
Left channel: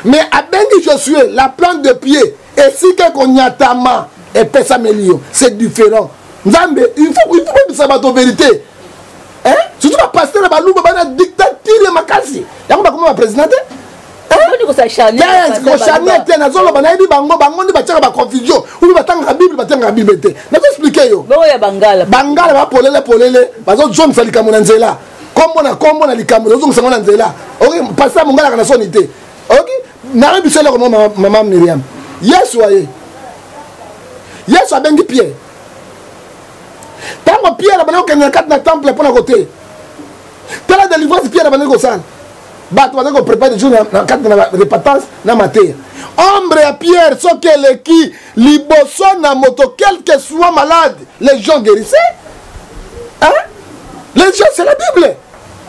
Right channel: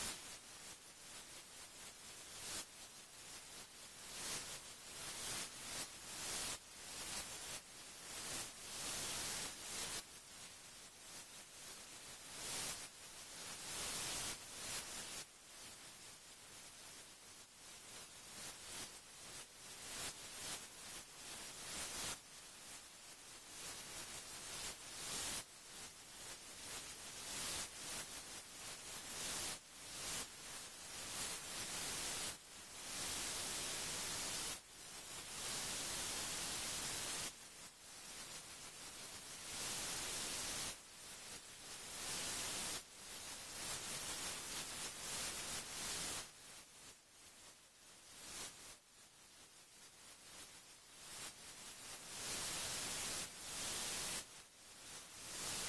Mais à Bengi Josué, la plante de pied, et si qu'on y a tama, et pesa melio, c'est différent. Nzambe, il faut que ça soit vérité. Hein? Surtout la pasteur, la balou, la dictature, ma kasi. Y'a pas comment la présidente? Hein? On ça charnier. On charnier, t'es na zolo, bana ibi bango, ni bachaka ba confusion. Ou batanga Bible, batanga Bible te. Na t'expliquer yo. Bon ya Bangala. Bangala ba polele, bazo John salika monanzela. Kombo na likambo, zo ngana nzela. OK, pasteur mongala kana sonité. OK? N'a pas besoin de maman Myriam. Yes, a bengi Pierre. Tant que Pierre a besoin de 4 temple pour la côté. Tant la délivrance Pierre a besoin de ça. Bah, tu vas préparer des jours dans 4 répétances dans ma terre. Ombre à Pierre, ce qu'elle est qui, liboson na moto, quel que soit malade, les gens guérissaient. Hein? Les gens, c'est la Bible.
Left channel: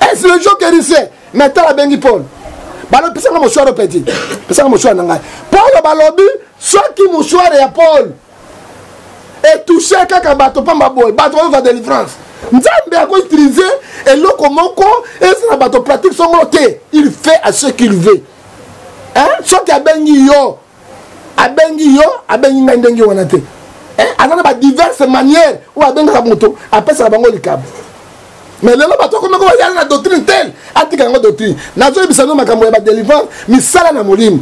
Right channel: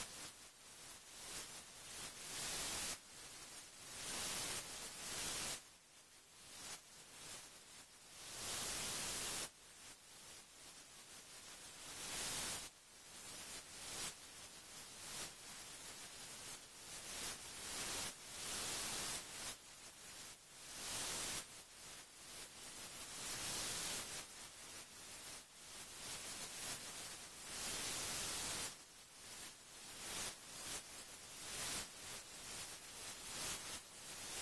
Est-ce les gens guérissaient? Maintenant, la bengi Paul. Balo pesa nga mouchoir petit. Pesa nga mouchoir nanga. Paul balobi soki mouchoir ya Paul. Et toucher kaka bato pamba boy, bato va délivrance. Nzambe a ko utiliser et loko moko et ça bato pratique son côté. Il fait à ce qu'il veut. Hein? Soki abengi yo, abengi ndengi wanate. Hein? Azana ba diverses manières ou abenga ka moto, apesa bango likabo. Mais les bateaux comme il y a la doctrine telle, la doctrine. Nazo bisano makambo ya délivrance, misala na molim.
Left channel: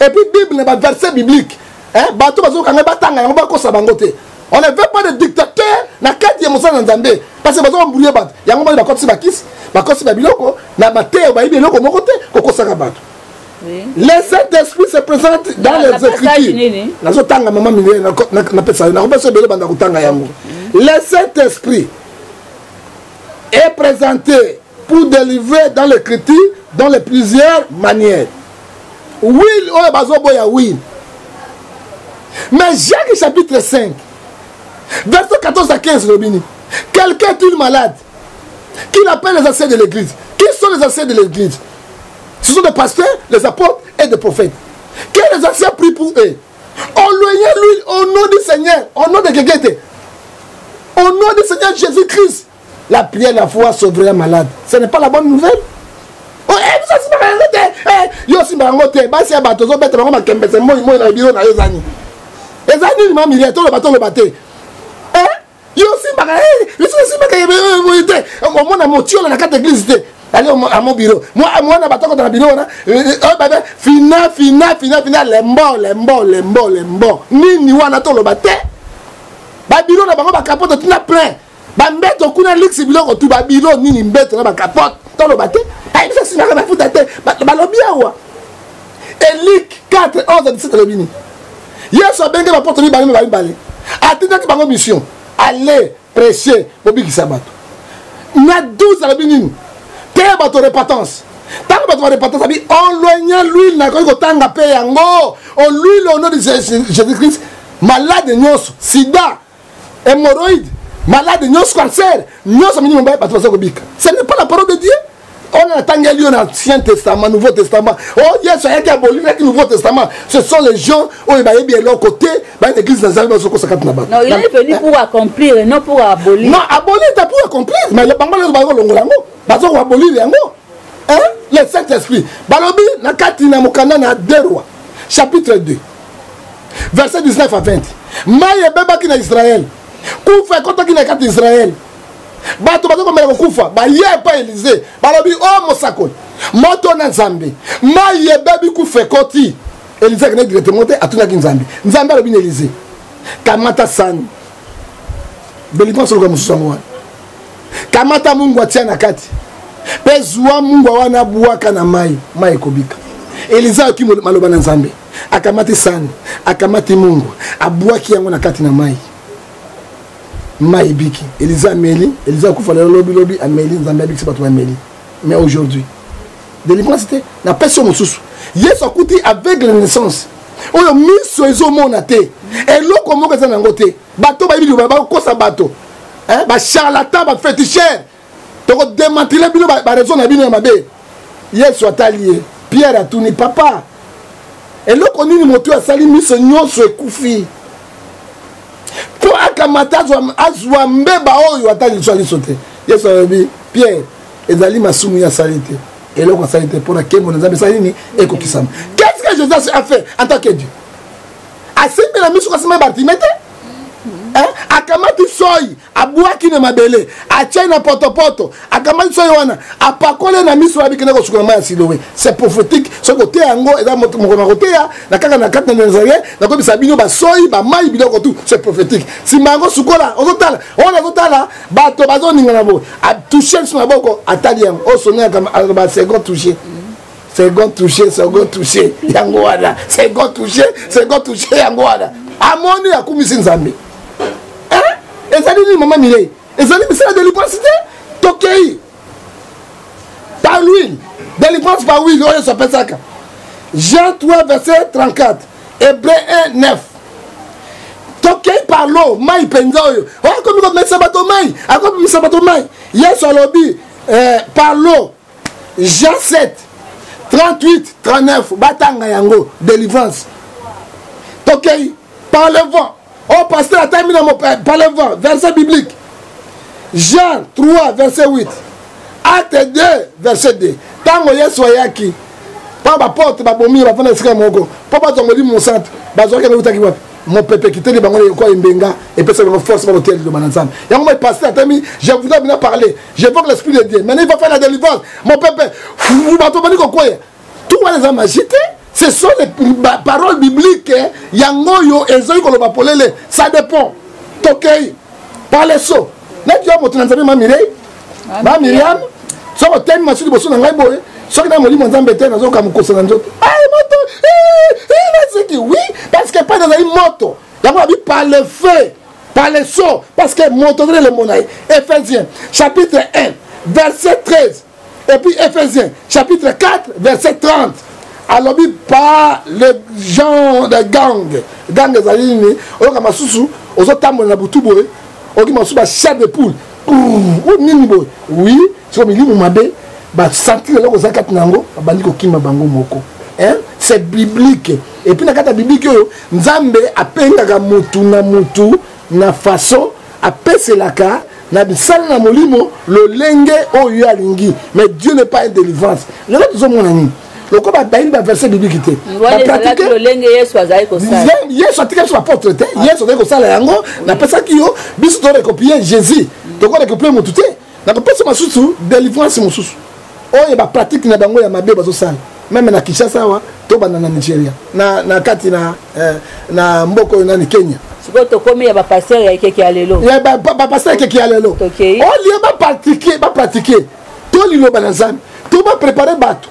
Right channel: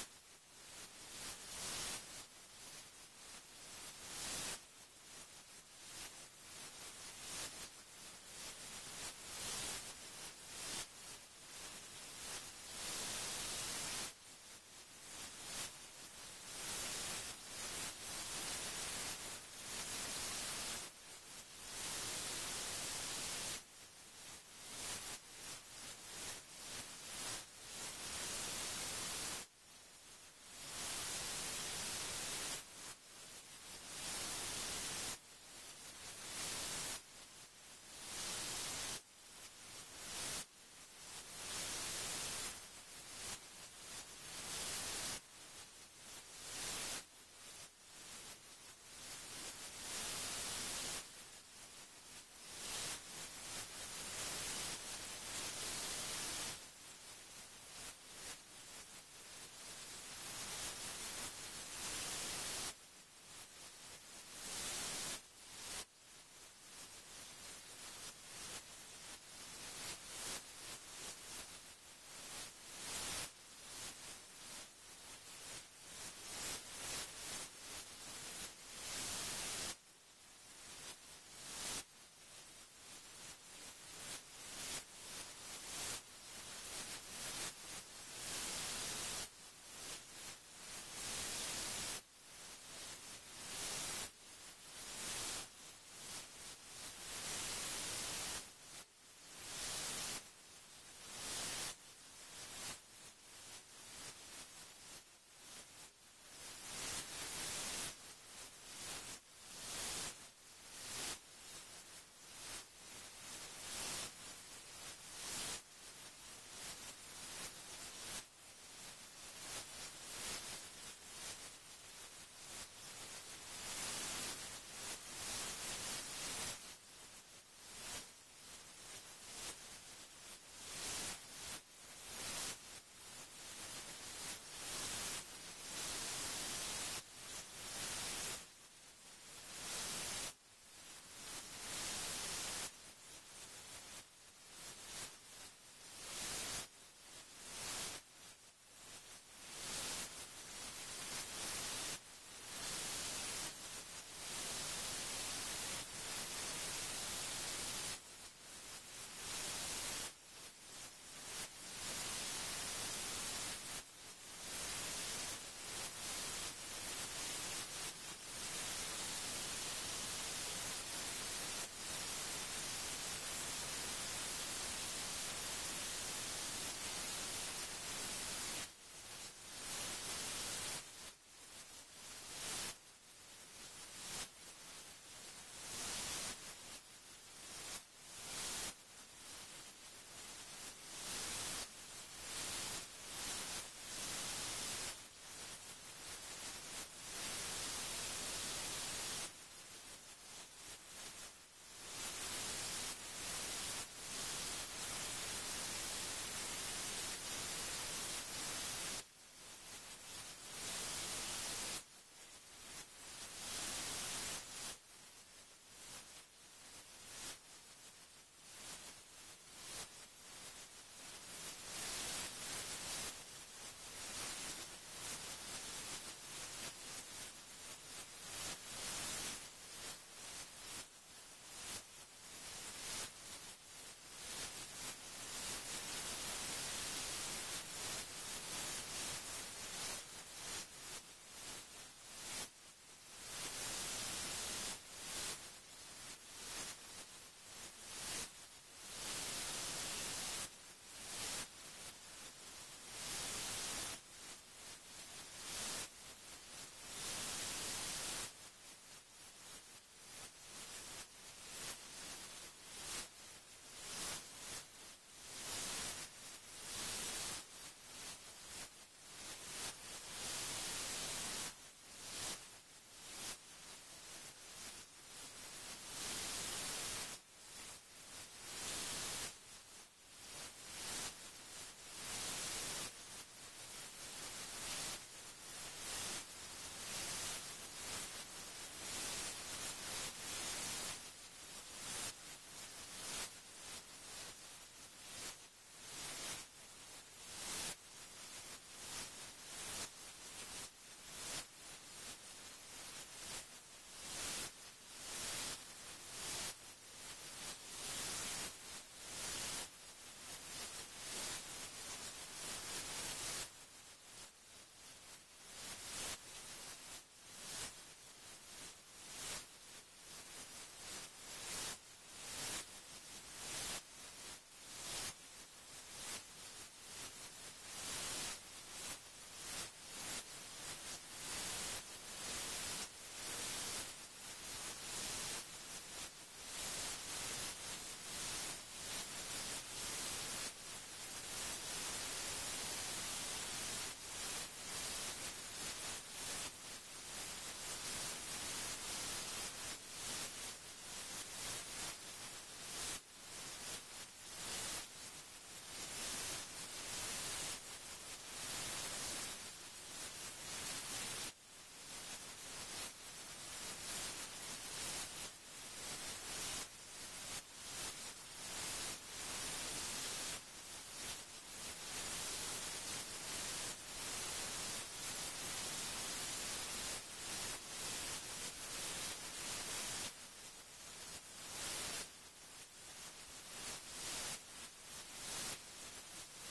Et puis Bible n'est pas verset biblique. Hein, bateau bazo kanga batanga yango ba ko sabangote. On ne veut pas de dictateur na kati ya musala nzambe parce que bazo embrouiller bato. Yango ba ko tsibakis, ba ko tsiba biloko na bateau ba biloko mokote ko saka bato. Le Saint-Esprit se présente dans les Écritures. Nazo tanga maman minye na pesa na ko pesa bele banda kutanga yango. Le Saint-Esprit est présenté pour délivrer dans l'écriture dans les plusieurs manières. Oui, oui. Mais Jacques chapitre 5, verset 14 à 15, quelqu'un est-il malade? Qui appelle les anciens de l'église? Qui sont les anciens de l'église? Ce sont des pasteurs, les apôtres et des prophètes. Que les anciens prient pour eux. Enloignez lui au nom du Seigneur, au nom de Gegete, au nom du Seigneur Jésus-Christ. La prière, la foi sauverait un malade. Ce n'est pas la bonne nouvelle. Oh, ça c'est pas un yo si bangote, ba si abato zo bete bango makembe se moi na biro na yo zani. Ezani ni mami le to le bato le baté. Yo si baka biso simaka yebete omona motio na kata église te allez à mon bureau moi na batako dans le bureau na baba fina lembo nini wana to lo bate ba bureau na bango ba capote tina plein ba mbeto kuna lix biloko tu ba bureau nini mbeto na ba capote to lo bate ay biso simaka ba futa te ba lobi awa Luc 4 11 17 lobini yeso benge ba porte ni bale atinda ki bango mission aller prêcher bobi ki sabato na 12 lobini te bato repentance tant bato repentance abi on loigna l'huile na ko tanga pe yango on l'huile au nom de Jésus-Christ malade nyonso sida hémorroïde malade nyonso cancer nyonso minimum bato bazo bika ce n'est pas la parole de Dieu. On a tangeli dans l'Ancien Testament, Nouveau Testament. Oh, yes, il y a aboli le Nouveau Testament. Ce sont les gens où il va y avoir côté, l'église dans Non, il est venu pour accomplir et non pour abolir. Non, abolir, c'est pour accomplir. Mais le bambal, le abolir, le Saint-Esprit. Balobi, na katina mukana na 2 Rois, chapitre 2, verset 19 à 20. Maïe beba qui na Israël. Koufa kota qui na kat Israël. Bato bato comme le kufa ba ye pas Élysée balobi oh mosakol moto na Nzambe ma ye babi kufa koti Élysée kene directement atuna ki Nzambe alobi na Élysée kamata sani belipon solo comme musango kamata Mungu atia na kati pezwa Mungu wana buaka na mai kobika Élysée aki maloba na Nzambe akamati sani akamati Mungu abuaki yango na kati na mai Maïbiki, Elisa Meli, Elisa Koufale lobby Amélie, Nzambe c'est pas toi Amélie. Mais aujourd'hui, délivrance c'était la personne au sous. Yes okuti avec la naissance. Oyo miso ezo monate. Et loko moko za nangote. Bato ba bibi ba ko sa bato. Hein ba charlatan ba féticheur. To démanteler bino ba raison na bino mabe. Yes soit allié. Pierre a tourné papa. Et loko nini moto asali miso nyonso ekufi. Pour akamata azwa mbeba oyo atali swali sote yeso abi Pierre ezali masumu ya salite et là on salite pour la kemo nzambe salini ekokisama. Qu'est-ce que Jésus a fait en tant que Dieu? Asimbe la miso kasema Bartimete akamati soyi abuaki na mabele achai na potopoto akamati soyi wana apakole na miso abi kena ko sukuma ya Siloé. C'est prophétique ce côté yango eza moto mokona côté ya na kaka na kata na Nazaré na ko bisa bino ba soyi ba mai biloko tout c'est prophétique si mango sukola ozotala on azotala bato bazoninga na bo a toucher sur na boko atali yango o sonner comme ba second toucher second toucher yango wana second toucher yango wana amoni akumisi Nzambe. Et ça dit maman Mireille. Et ça dit mais c'est la délivrance Tokei. Par l'huile. Délivrance par l'huile. On s'appelle ça. Jean 3 verset 34. Hébreu 1 9. Tokei par l'eau. Maï penzoyo. Oh comme il va mettre sabato maï. Ah comme il sabato maï. Yes au lobby. Par l'eau. Jean 7 38 39. Batanga yango. Délivrance. Tokei par le vent. Oh, pasteur, a terminé par le vent, verset biblique. Jean 3, verset 8. Acte 2, verset 2. Tango yeso yaki. Pas ma porte, ma bomi, ma fana sika moko. Papa tongo di mon centre. Bazo ke na ki mon pépé qui te di bango ko imbenga et personne ne force par l'hôtel de Mananzam. Yango moi pasteur a terminé, je voudrais bien parler. J'évoque l'esprit de Dieu. Maintenant il va faire la délivrance. Mon pépé, vous bato bani ko quoi? Tout les hommes agités. Ce sont les paroles bibliques. Yangoyo et Zoï Koloba Polele. Ça dépend. Tokei. Par les sauts. N'est-ce pas que tu as ma Mireille? Ma Myriam. Ça va tellement masser de bosson dans la boue. Ça qui a moli mon zambété dans un camucoso dans l'autre. Ah, moto. Il a dit oui. Parce que pas dans une moto. D'abord, par le feu. Par les sauts. Parce que moto dans le monaï. Éphésiens. Chapitre 1. Verset 13. Et puis Éphésiens. Chapitre 4. Verset 30. Alors, par les gens de gang des alliés, on a ma sousou, on a tamé na boutouboé, on a ma sousou, chef de poule. Oui, c'est comme il dit, mabe, bah sentir là aux akat nango, bandi ko kima bango moko. Hein? C'est biblique. Et puis na kata biblique yo, Nzambe apenga mutu na façon apese la ka na bisala na molimo le lenge o yo alingi. Mais Dieu n'est pas une délivrance. Le là tout mon ami. loko babayi baverset biblique te bapratike yesu atika biso baporte te yesu azali kosala yango napesaki yo biso torekopie jésus tokorekopie motu te nakopesa masusu délivrance mosusu oyo bapratike na bango ya mabe bazosala meme na Kinshasa awa to bana na Nigeria na kati na mboko oyo nani Kenya siko tokomi ya bapasteur ya ekeki ya lelo ya bapasteur ekeki ya lelo olie bapratike to liloba na Nzambe to baprepare bato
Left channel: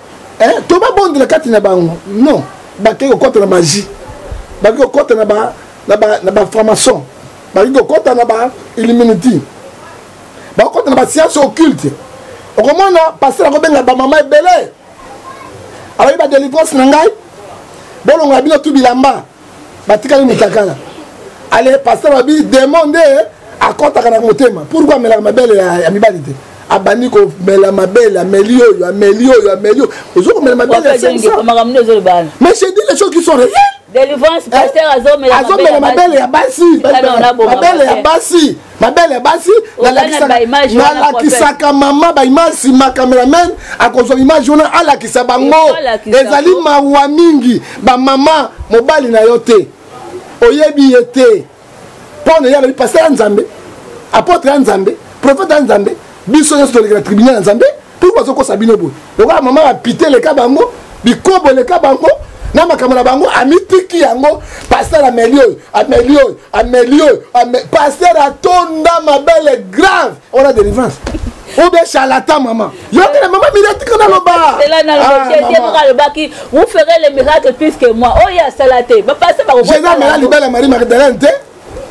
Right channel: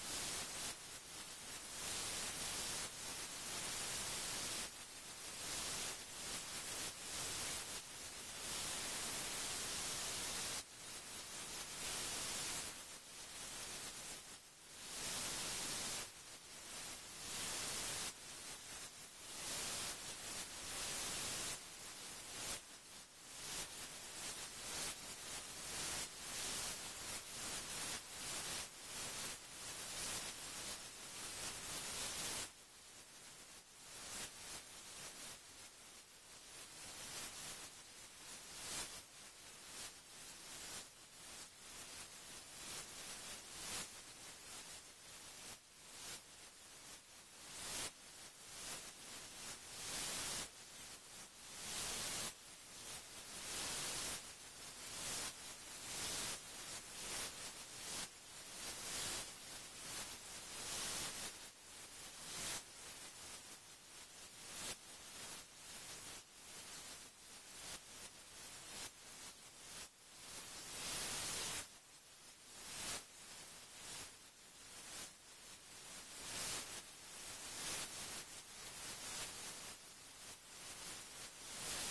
to babondela kati na bango non bakei kokota na magie bakei kokota na baframaçon bakei kokota na bailluminati bakokota na bascience occulte okomona pasteur akobenga bamama ebele alors ba délivrance na ngai bolonga bino tu bilamba batikali mutakala allez pasteur babi demande akota kana motema pourquoi mela mabele ya mibali te abani ko mela mabele amelio ozo mela mabele mais j'ai dit les choses qui sont réelles délivrance pasteur azomela mabele ya basi mabele ya basi nalakisaka mama baimasi ma cameraman akozwa image wana alakisa bango ezali mawa mingi bamama mobali na yo te oyebi ye te mpo na yalobi pasteur ya Nzambe apôtre ya Nzambe prophète ya Nzambe biso nyonso tolekela tribunal ya Nzambe pour bazokosa bino boye lokola mama bapite leka bango bikobo leka bango na makambo na bango amitiki yango pasteur amelio pasteur atonda mabele grave on a délivrance ou bien charlatan maman yo que maman miratique na loba vous ferez les miracles plus que moi oh ya salaté ba passer ba Jésus mela libele Marie Magdalene te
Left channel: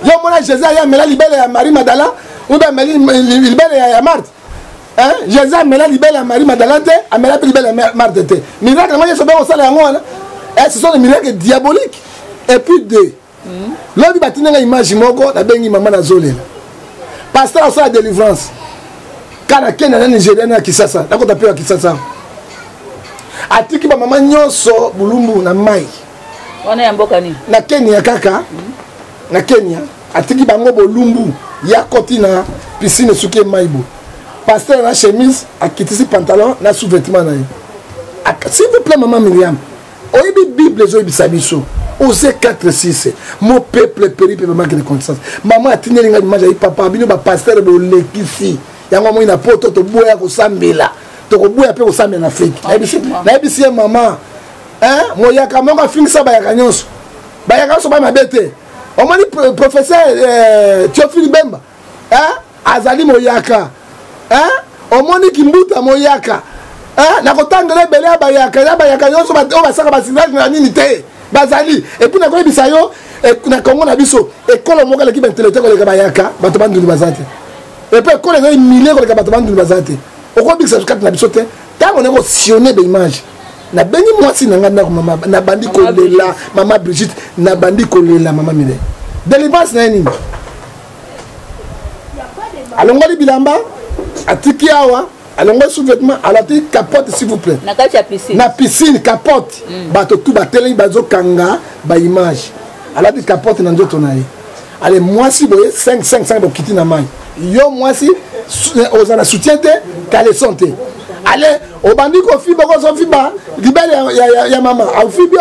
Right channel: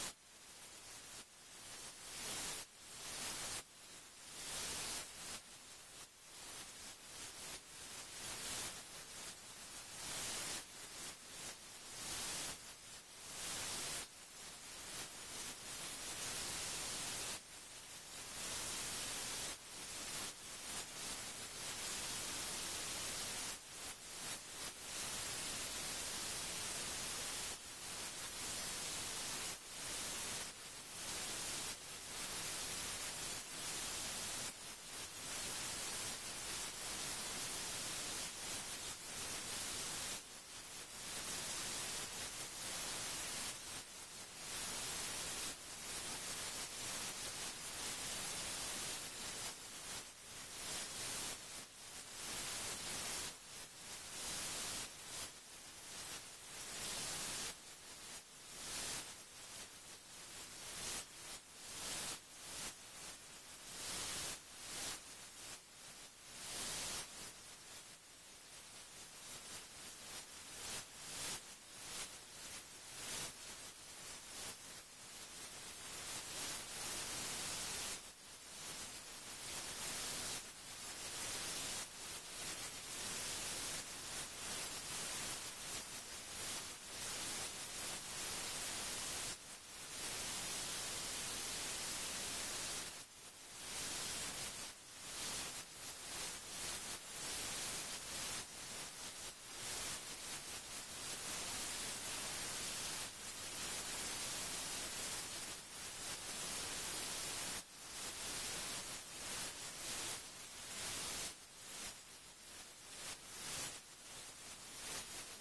yo mona Jésus ya mela libele ya Marie Magdalene ou bien libele ya Marthe hein Jésus mela libele ya Marie Magdalene te amela libele ya Marthe te miracle moi so ba osala yango wana ce sont des miracles diaboliques et puis deux l'homme bâti une image moko na bengi maman na zolela pasteur osala délivrance kana Kenya na Nigeria na Kinshasa na kota pe Kinshasa atiki ba maman nyonso bulumbu na mai wana ya mboka ni na Kenya kaka na Kenya atiki bango bolumbu ya koti na piscine suke maibo pasteur na chemise akitisi pantalon na sous-vêtement na s'il vous plaît maman Myriam oyebi Bible zo bisabiso Osée 4:6 mon peuple périt par manque de connaissance maman atineli nga image ya papa bino ba pasteur bolekisi yango mo ina poto to boya ko sambela to ko boya pe ko sambela na Afrique na ebisi maman hein moyaka monga fingisa ba yaka nyonso ba mabete omoni professeur Théophile Bemba hein azali moyaka hein omoni Kimbuta moyaka na kotangela ebele ya bayaka nyonso oyo basaka basilage na nini te bazali epuis nakoyebisa yo na kongo na biso ekolo moko eleki baintellectuel koleka bayaka bato banduni baza te epuis ekolo ezali milie koleka bato banduni baza te okoyebikisa kati na biso te ntango nako sione baimage nabengi mwasi na ngai ndako mama nabandi kolela mama Brigitte nabandi kolela mama Mire délivrance na ye nini alongoli bilamba atiki awa alongo sous-vêtement alati capote s'il vous plaît na kati ya piscine na piscine capote bato tout bateli bazo kanga ba image alati capote na nzoto na ye ale mwasi boye 5 bokiti na mai yo mwasi ozana soutien te caleçon te ale obandi ko fiba ko so fiba libele ya mama ofibi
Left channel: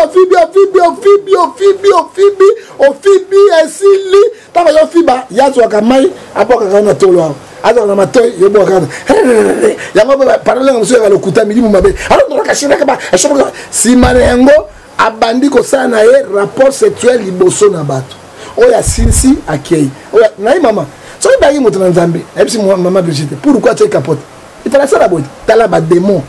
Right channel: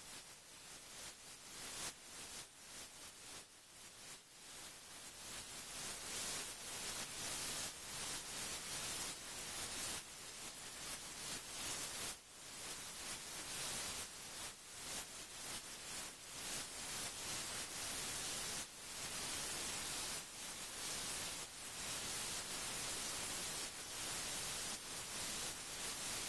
esili taba yo fiba yazo akamai apoka kana tolo azo na matoy yo boka yango parole ngomso ya lokuta milimu mabe alors ndo kashina kaba ashobora simane yango abandi ko sana ye rapport sexuel liboso na bato oya sinsi akei oya na mama so ibagi moto na Nzambe ebisi mama Brigitte pourquoi tu es capote il fallait ça la bonne tala ba démon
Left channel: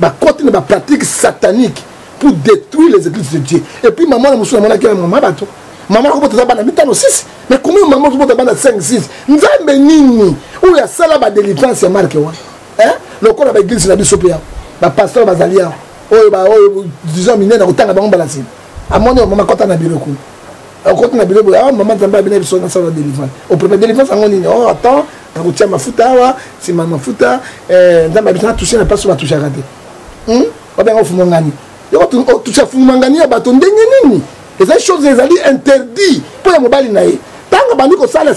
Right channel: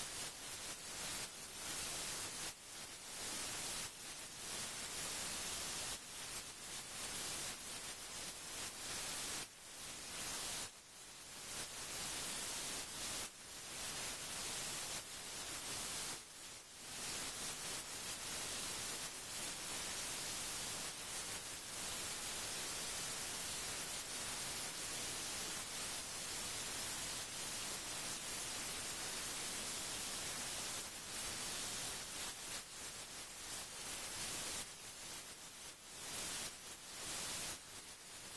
ba côté ba pratique satanique pour détruire les églises de Dieu et puis maman na musu na mona ke maman bato maman ko bota bana mitano 6 mais comment maman ko bota bana 5 6 Nzambe nini ou ya sala ba délivrance ya marque wa hein le ko na ba église na biso pia ba pasteur bazalia oyo disons mine na kotanga bango balasi amoni maman kota na biro ko okoti na biro ah maman Nzambe bina biso na sala délivrance au premier délivrance ngoni oh attends na kutia mafuta awa si mafuta Nzambe bitana toucher na passe ba toucher raté obenga fumongani yo toucher fumongani ya bato ndenge nini les choses ezali interdit pour mobali na ye tanga bandi ko sala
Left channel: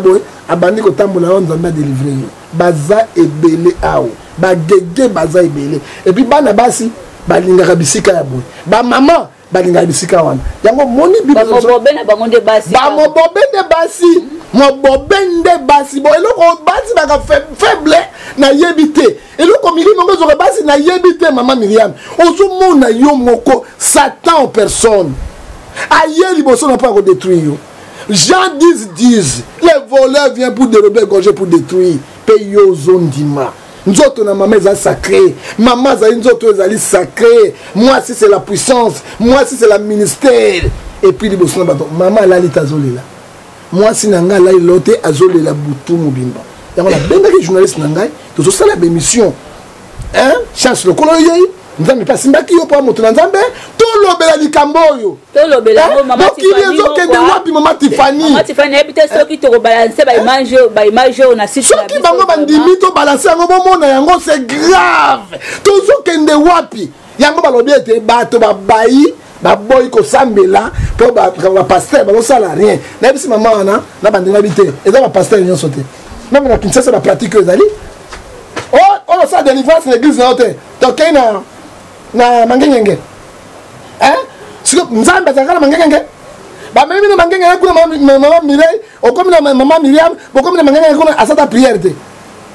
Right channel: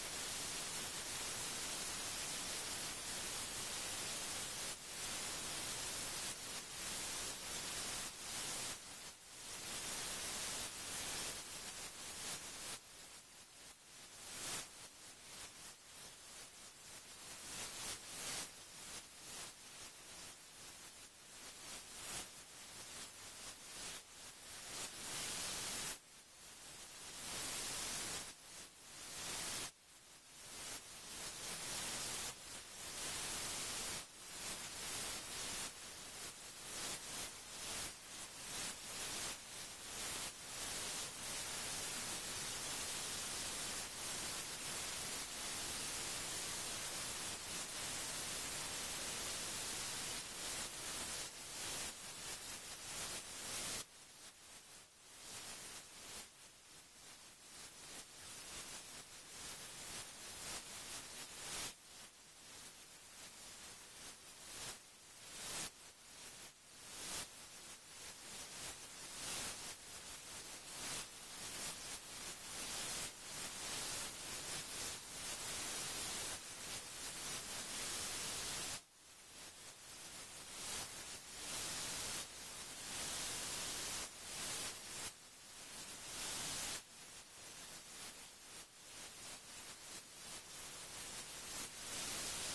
boy abandi ko tambola Nzambe délivrer baza ebele awo bagege baza ebele et puis bana basi balingaka bisika ya boye bamama balingaka bisika wana yango moni bamobobende bango nde basi bamobobende basi mobobende basi bo eloko basi baka faible na yebi te eloko milimo ngo zoka basi na yebi te mama Myriam ozomona yo moko Satan en personne aye liboso na pas détruire yo Jean 10 les voleurs viennent pour dérober gorger pour détruire payo zondima nzoto na maman est sacré maman za nzoto ezali sacré moi si c'est la puissance moi si c'est la ministère et puis liboso na bato maman la litazolela moi si nanga la lote azolela butu mobimba yango la bengaki journaliste nangai to sala ba émission hein chance le kolo yei nzambe pasi mbaki yo pa moto na nzambe to lobela likambo yo to lobela ngo mama Tiffany to kende wapi mama Tiffany habite soki to balancer ba image na site na soki bango bandimi to balancer yango bomona yango c'est grave to zo kende wapi yango balobi ete bato babai baboyi kosambela po ba pasteur bazosala rien na bisi mama wana na bandinga bite eza ba pasteur nyonso te même na Kinshasa ba pratique ezali oh ça délivrance l'église na hote to kena na mangengenge hein siko nzambe azakala mangengenge ba mimi na mangengenge kuna mama Mireille okomi na mama Myriam okomi na mangengenge kuna asata prière te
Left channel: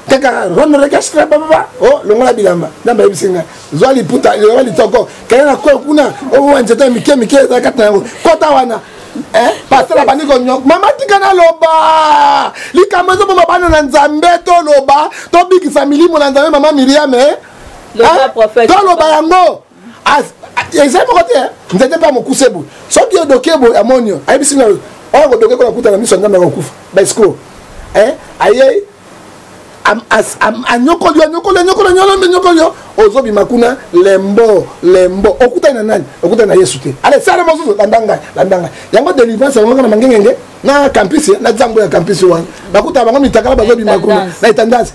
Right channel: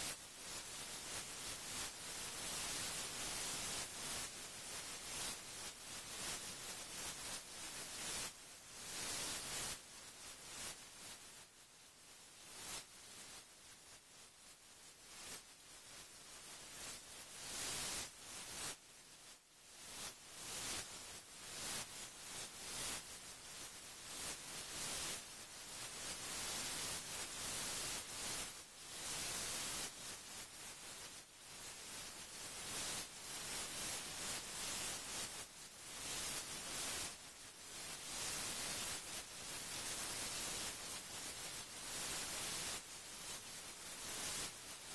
kaka ronde rekastra baba oh longola bilamba ndamba ebisinga zwali puta zwali toko kana kwa kuna o nzeta mike zakata yango kota wana pasteur bani ko nyok mama tikana loba likamazo mama bana na nzambe to loba to bikisa milimo na nzambe mama Myriam loba prophète to loba yango exemple côté nzete pa mokusebu soki odokebo amonio ayibisinga o ko dokeko na kuta na miso nzambe ko kufa ba escroc aye anyokolo ozobi makuna lembo okuta na nani okuta na Yesu te ale sala mosusu landanga yango délivrance yango na mangengenge na campus na zambo ya campus wana bakuta bango mitakala bazobi makuna na tendance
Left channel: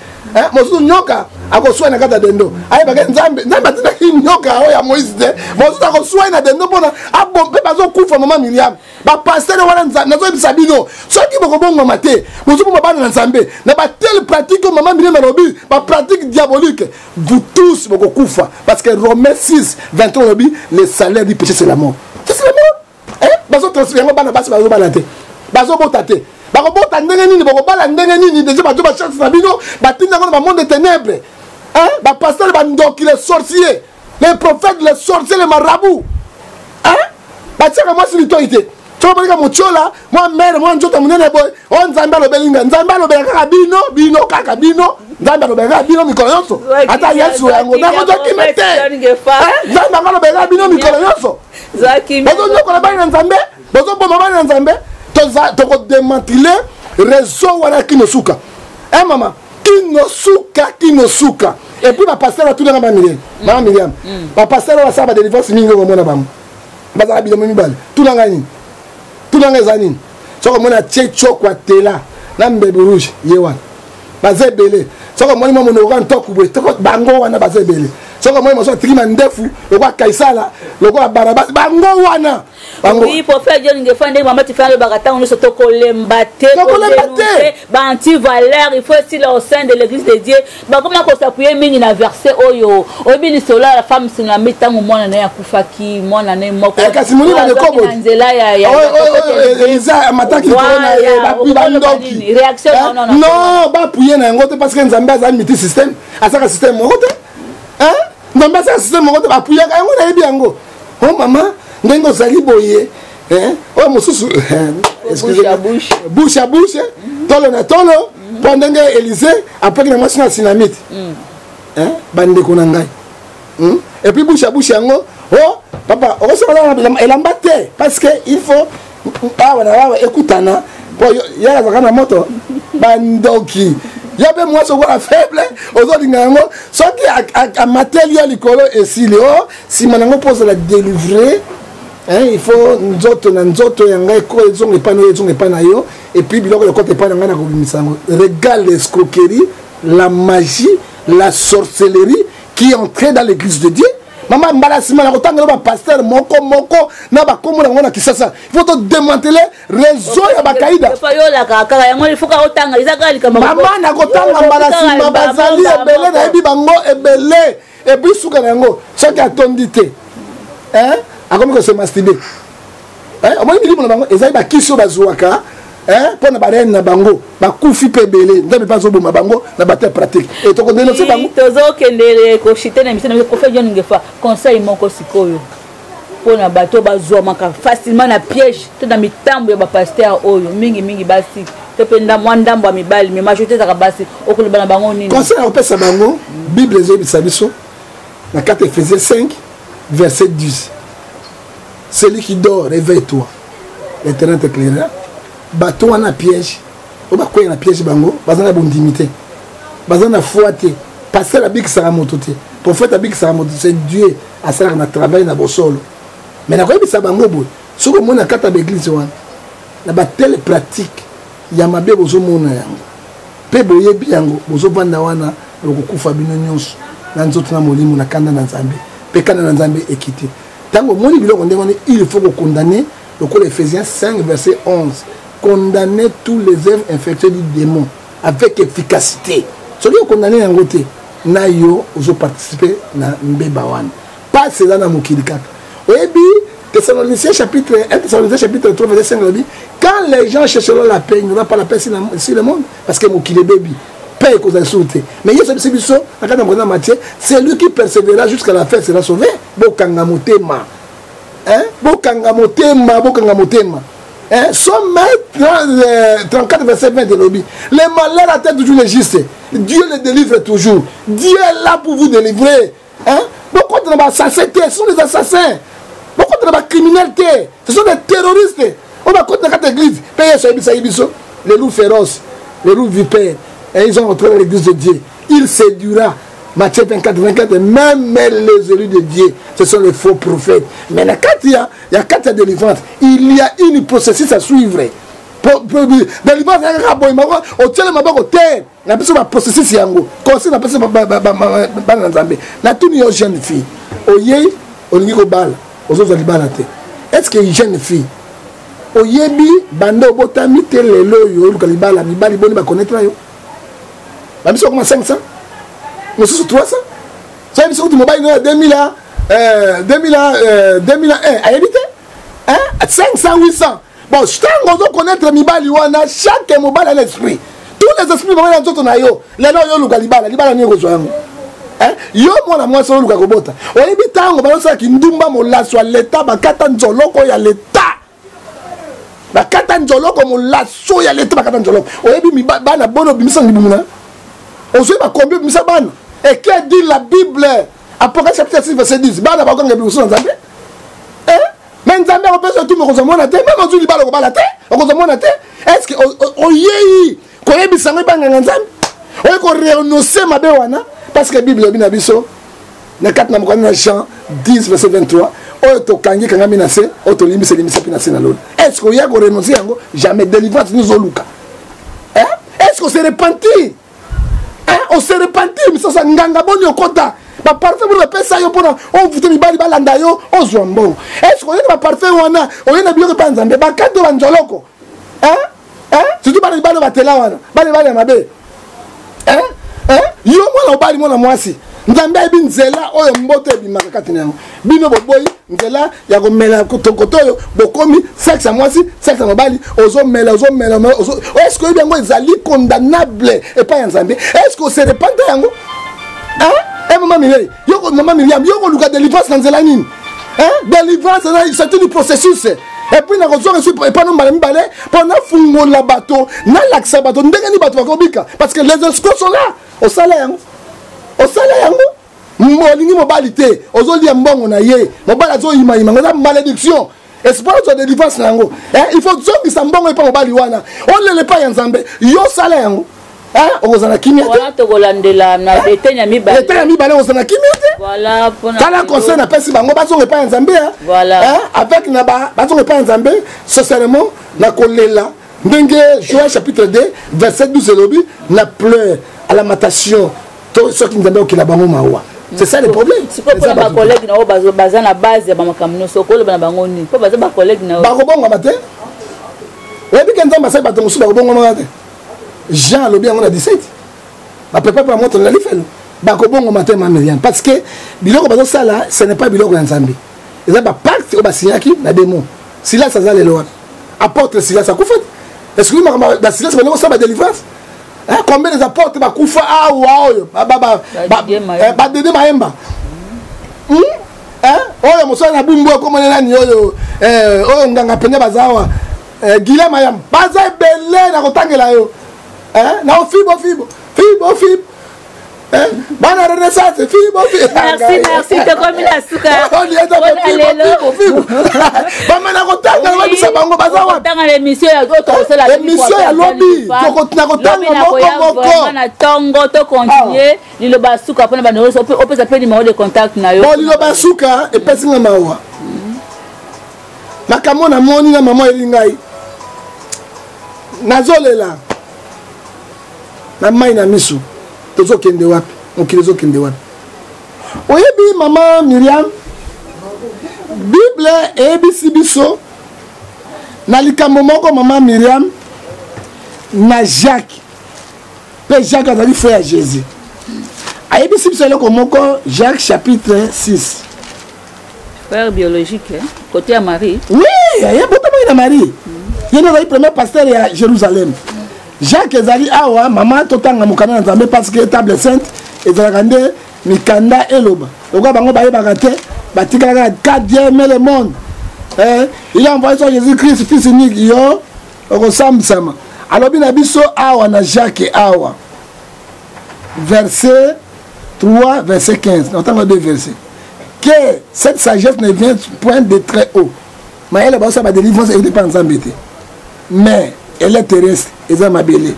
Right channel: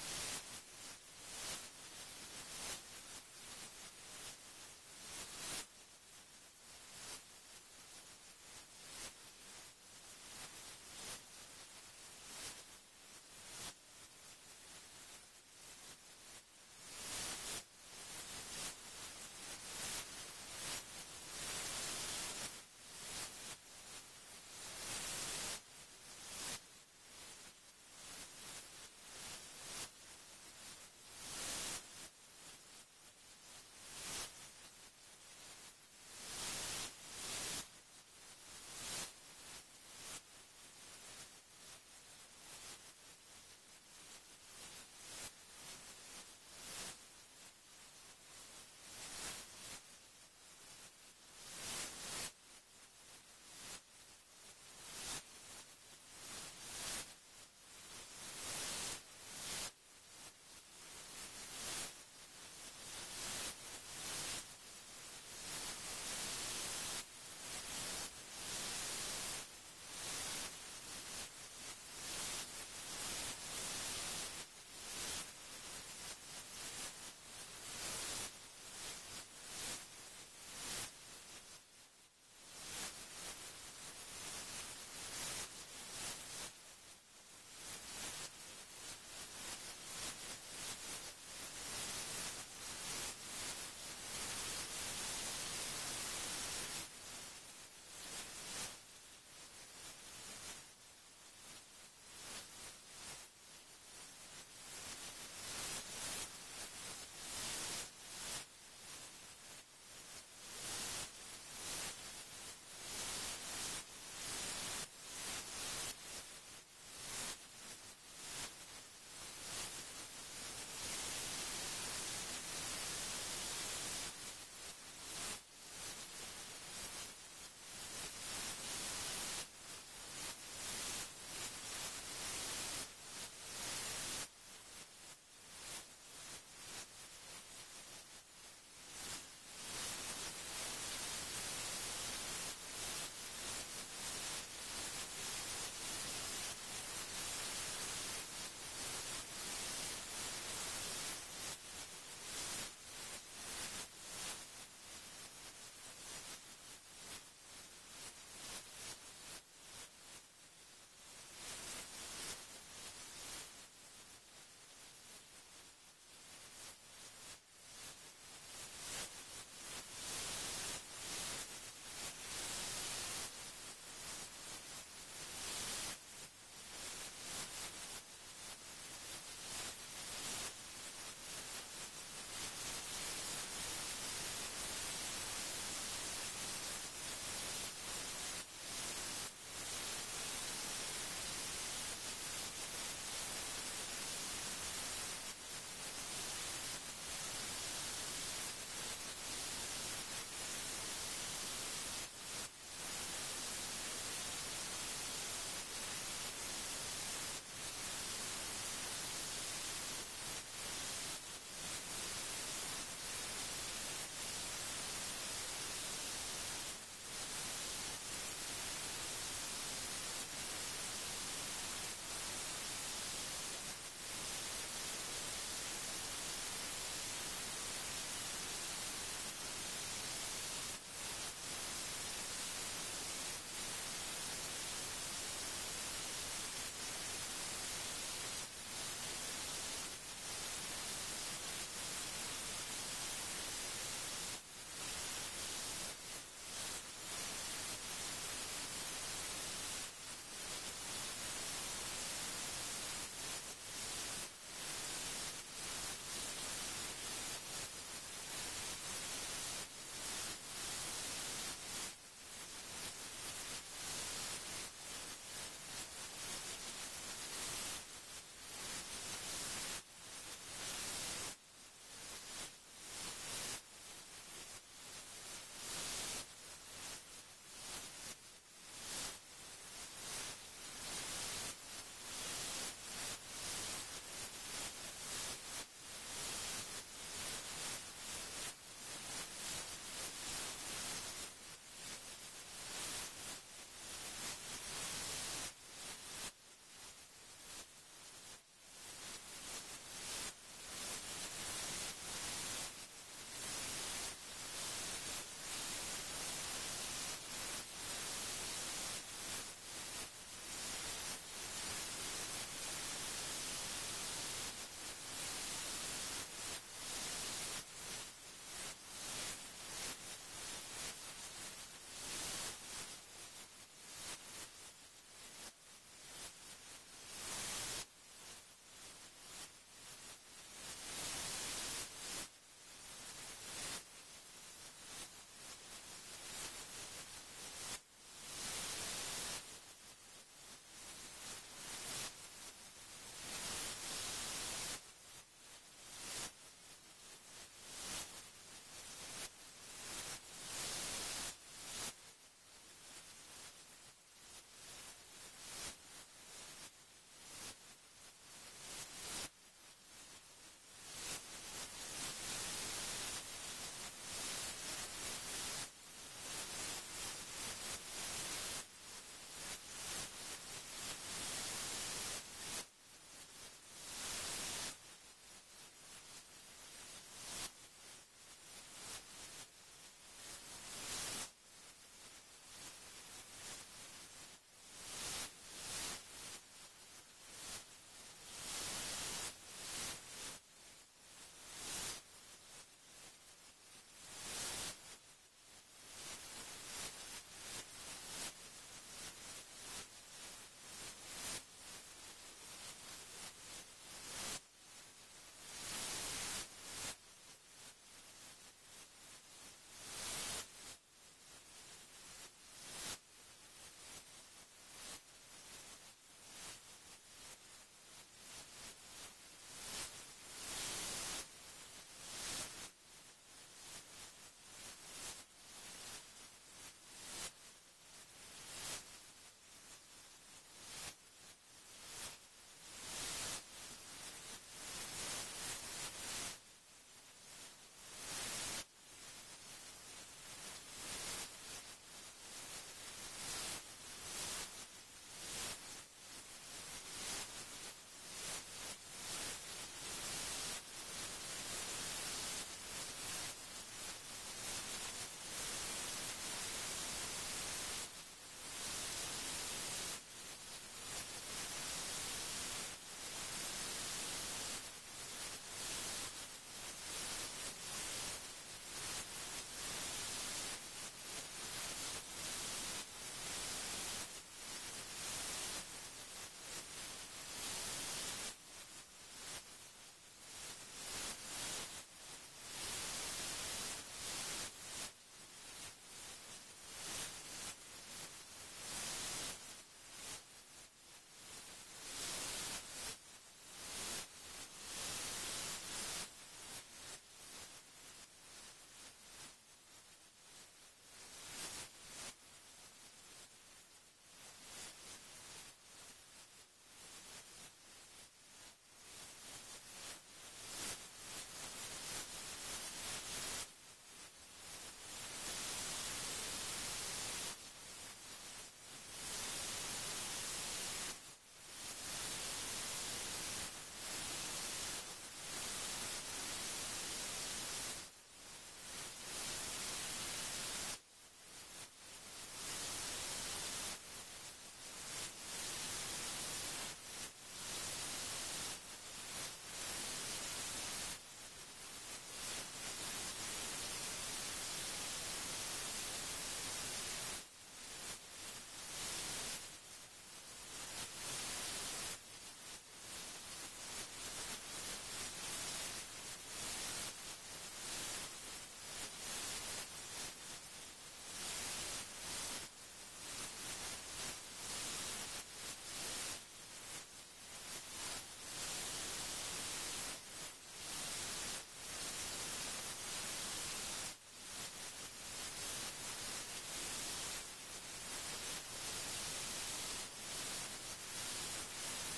mosusu nyoka akoswa na kata dendo aye bake nzambe batina nyoka o ya Moïse te mosusu akoswa na dendo pona abombe bazokufa mama Myriam ba pasteur wana nzambe nazo bisabino soki bokobonga mate mosusu bana na nzambe na ba telle pratique mama Myriam lobi ba pratique diabolique vous tous bokokufa parce que Romains 6:23 lobi le salaire du péché c'est la mort c'est la mort bazo transférer bana basi bazo balate bazo botate bakobota ndenge nini bokobala ndenge nini déjà bato ba chance na bino batinda ngona ba monde de ténèbres ba pasteur ba ndoki les sorciers les prophètes les sorciers les marabouts batika moi sur l'autorité to balika mochola moi mère moi njoto munene boy on nzambe lobelinga nzambe lobelaka bino kaka bino nzambe lobelaka bino mikolo nyonso ata Yesu yango na ko kimete nzambe lobelaka bino mikolo nyonso zaki bazo nyokola bana nzambe bazo bomba bana nzambe to ko démanteler réseau wana kinosuka mama kinosuka et puis ba pasteur va tout dans mama Myriam ba pasteur va ça ba délivrance mingi ko mona bam bazaka bilo mibale tout dans ngani tunanga zanini soko mona tchecho kwa tela na mbebe rouge yewana bazebele soko moni mo no kan tokubwe toko bango wana bazebele soko moni mo so trima ndefu lokwa kaisala lokwa barabas bango wana bango oui prophète Dieu ngefande mama Tiffany bakata on so tokolembate ba anti valeur il faut aussi là au sein de l'église de Dieu ba comme na ko s'appuyer mingi na verset oyo obini sola la femme sina mitango mona na yakufaki mona na moko kasi moni ba de kobo nzela ya Elisa mataki corona ba ndoki réaction non ba puyer na ngote parce que nzambe azali miti système asaka système ngote nzambe asaka système ngote ba puyer ka ngo na yebi yango oh mama ndengo zali boye oh mosusu bouche à bouche tolo na tolo pendant que Élysée après la machine à dynamite bande ko na ngai et puis bouche à bouche yango oh papa on se va elambate parce que il faut wana écoutana po ya la kana moto bandoki yabe moi so quoi faible ozolinga yango soki a matériel likolo esili oh si manango pose la délivrer il faut nzoto yanga ko ezonge pana yo et puis biloko le côté pana ngana ko bimisango regarde l'escroquerie la magie la sorcellerie qui est entrée dans l'église de Dieu. Maman mbalasima na kotanga ba pasteur moko na ba komo na ngona kisasa il faut te démanteler réseau ya bakaida il faut ka otanga izaka likama maman na kotanga mbalasima bazali ebele na ebi bango ebele et puis suka nango soki atondi te hein akomi ko se masturber hein omoni bilimo na bango ezali bakisi oyo bazwaka hein mpona barene na bango bakufi mpe ebele nzambe mpe azoboma bango na bate pratique et tokondenosi bango tozokendele koshite na misana kofe jo ningefa conseil moko sikoyo mpona bato bazwamaka facilement na piège to na mitambo ya bapaster oyo mingi basi to mpe mwa ndambo ya mibali me majorité ezaka basi okoloba na bango nini conseil ya kopesa bango bible ezobisa biso na 4 Ephésiens 5 verset 10 celui qui dort réveille-toi l'éternel t'éclairera bato wana piège o bakoya na piège bango baza na bondimi te baza na foi te pasteur abikisaka moto te prophète abikisaka moto c'est Dieu asalaka na travail na bosolo mais nakoyebisa bango boye soki omoni na kati ya baeglise wana na batele pratique ya mabe bozomona yango mpe boyebi yango bozovanda wana lokokufa bino nyonso na nzoto na molimo na kanda na nzambe mpe kanda na nzambe ekite ntango omoni biloko ndenge wana il faut kokondane lokola Ephésiens 5 verset 11 condamner tous les œuvres infectieuses du démon avec efficacité soki okondane yango te na yo ozoparticipe na mbeba wana pas eza na mokili kaka oyebi Thessaloniciens chapitre 1 Thessaloniciens chapitre 3 verset 5 dit quand les gens chercheront la paix il n'y aura pas la paix sur le monde parce que mokili bebi paix cause insulté mais yeso biso na kana mwana Matthieu c'est lui qui persévérera jusqu'à la fin sera sauvé bokanga motema hein bokanga motema hein Somme 34 verset 20 de l'obi les malheurs atteignent toujours les justes Dieu les délivre toujours Dieu est là pour vous délivrer hein beaucoup de assassins ce sont des assassins beaucoup de criminels ce sont des terroristes on va contre la église payer sur les loups féroces les loups vipères et ils ont entré dans l'église de Dieu il séduira Matthieu 24 même les élus de Dieu ce sont les faux prophètes mais quand il y a 4 délivrances il y a une processus à suivre délivrance au tele maboko terre na biso ba processus yango conseil na biso ba na nzambe na tuni yo jeune fille oye olingi ko bala ozoza libala te est-ce que jeune fille oyebi bando obotami te lelo yo luka libala mibali boni ba connaître yo ba biso comme 500 mosusu 300 ça biso tu mobile na 2001 ayebite hein 500 800 bon je t'en connaître mibali wana chaque mobile a l'esprit tous les esprits vont dans tout na yo lelo yo luka libala ni ko zoyango hein yo mona mwasi luka kobota oyebi tango balosa ki ndumba molaso ya leta bakata nzoloko ya leta bakata nzoloko molaso ya leta bakata nzoloko oyebi bana bono bimisa ngibumuna ozo ba combien bimisa bana et qui dit la Bible Apocalypse chapitre 6 verset 10 bana bakanga biso nzambe hein mais nzambe on peut surtout me kozomona te même ozo libala ko bala te okozomona te est-ce que oyei koyebi sango banga nzambe oye ko renoncer mabe wana parce que Bible bina biso na 4 na mokana Jean 10 verset 23 oyo tokangi kanga minase oyo tolimbisa pinase na lolo est-ce que oya ko renoncer yango jamais délivrance nous oluka hein est-ce que se repentir hein on se repentir miso sa nganga boni okota ba parfait pour le pesa yo pona on vuto mibali balanda yo ozwa mbongo est-ce que oya ba parfait wana oya na biloko pa nzambe ba kato banjoloko hein surtout ba libalo batela wana bale mabe hein yo mwana obali mwana mwasi nzambe ebi nzela oyo mboto ebimaka kati nango bino boboyi nzela ya komela kotokoto oyo bokomi sexe ya mwasi sexe ya mobali ozomela est-ce que yango ezali condamnable epai ya nzambe est-ce que se repente yango hein maman Miriam yo koluka délivrance na nzela nini hein délivrance c'est un processus et puis na kozonga sur pas no mbale pendant fungola bato na laksa bato ndenge ni bato bakobika parce que les escrocs sont là au salaire yango molingi mobali te ozolia mbongo na ye mobali azoyima ngoza malédiction espoir de délivrance nango il faut zongisa mbongo epa mobali wana olele pa ya nzambe yo sala yango okozana kimia te voilà tokolandela na betenya mibale ozana kimia te voilà pona kala conseil na pesi bango bazonga epa ya nzambe voilà avec na bazonga epa ya nzambe sincèrement na kolela ndenge Joël chapitre 2 verset 12 lobi na pleure à lamentation ceux qui nous qui la bango mawa c'est ça le problème c'est pas pour ba collègue na o baza na base ya bamakamino sokolo bana bango ni po baza ba collègue na ba ko bonga mate webi kenda ba sai ba to musu ba ko bonga mate Jean lobi yango na 17 ba papa pa moto na lifelo bakobongo matin Miriam parce que biloko bazo sala ce n'est pas biloko ya Nzambe eza ba pacte o basinyaki na démon Silas aza lelo wana apôtre Silas akufa est-ce que ba Silas bango sa ba délivrance combien des apôtres bakufa awa oyo ba Dede Mayemba oyo mosala na bumbu komona nani oyo oyo nganga pende bazawa Gila Mayam baza ebele na kotangela yo na fibo Bana renaissance, merci, te comme la souka. L'émission ya lobby, tongo to continuer, lilo basuka pona ba on peut s'appeler numéro de contact na yo. Bon lilo basuka e pesi nga mawa. Makamo na moni na maman elingai. Nazolela. Na mai na misu. Tozo kende wapi okilizo kende wapi oyebi mama Miriam Bible ebisi biso na likambo moko mama Miriam na Jacques pe Jacques azali frère à Jésus ayebisi biso eloko moko Jacques chapitre 6 frère biologique côté à Marie oui ya botama na Marie yena azali premier pasteur à Jérusalem Jacques ezali awa mama totanga mukana na Nzambe parce que table sainte ezalaka nde mikanda eloba lokwa bango bayebaka te batikaka ka Dieu aime le monde il a envoyé son Jésus-Christ fils unique yo okosambisama alobi na biso awa na Jacques awa verset 3 verset 15 notanga deux versets que cette sagesse ne vient point de très haut mais elle ba ba délivrance et pas Nzambe te mais elle est terrestre, elle est mabélée,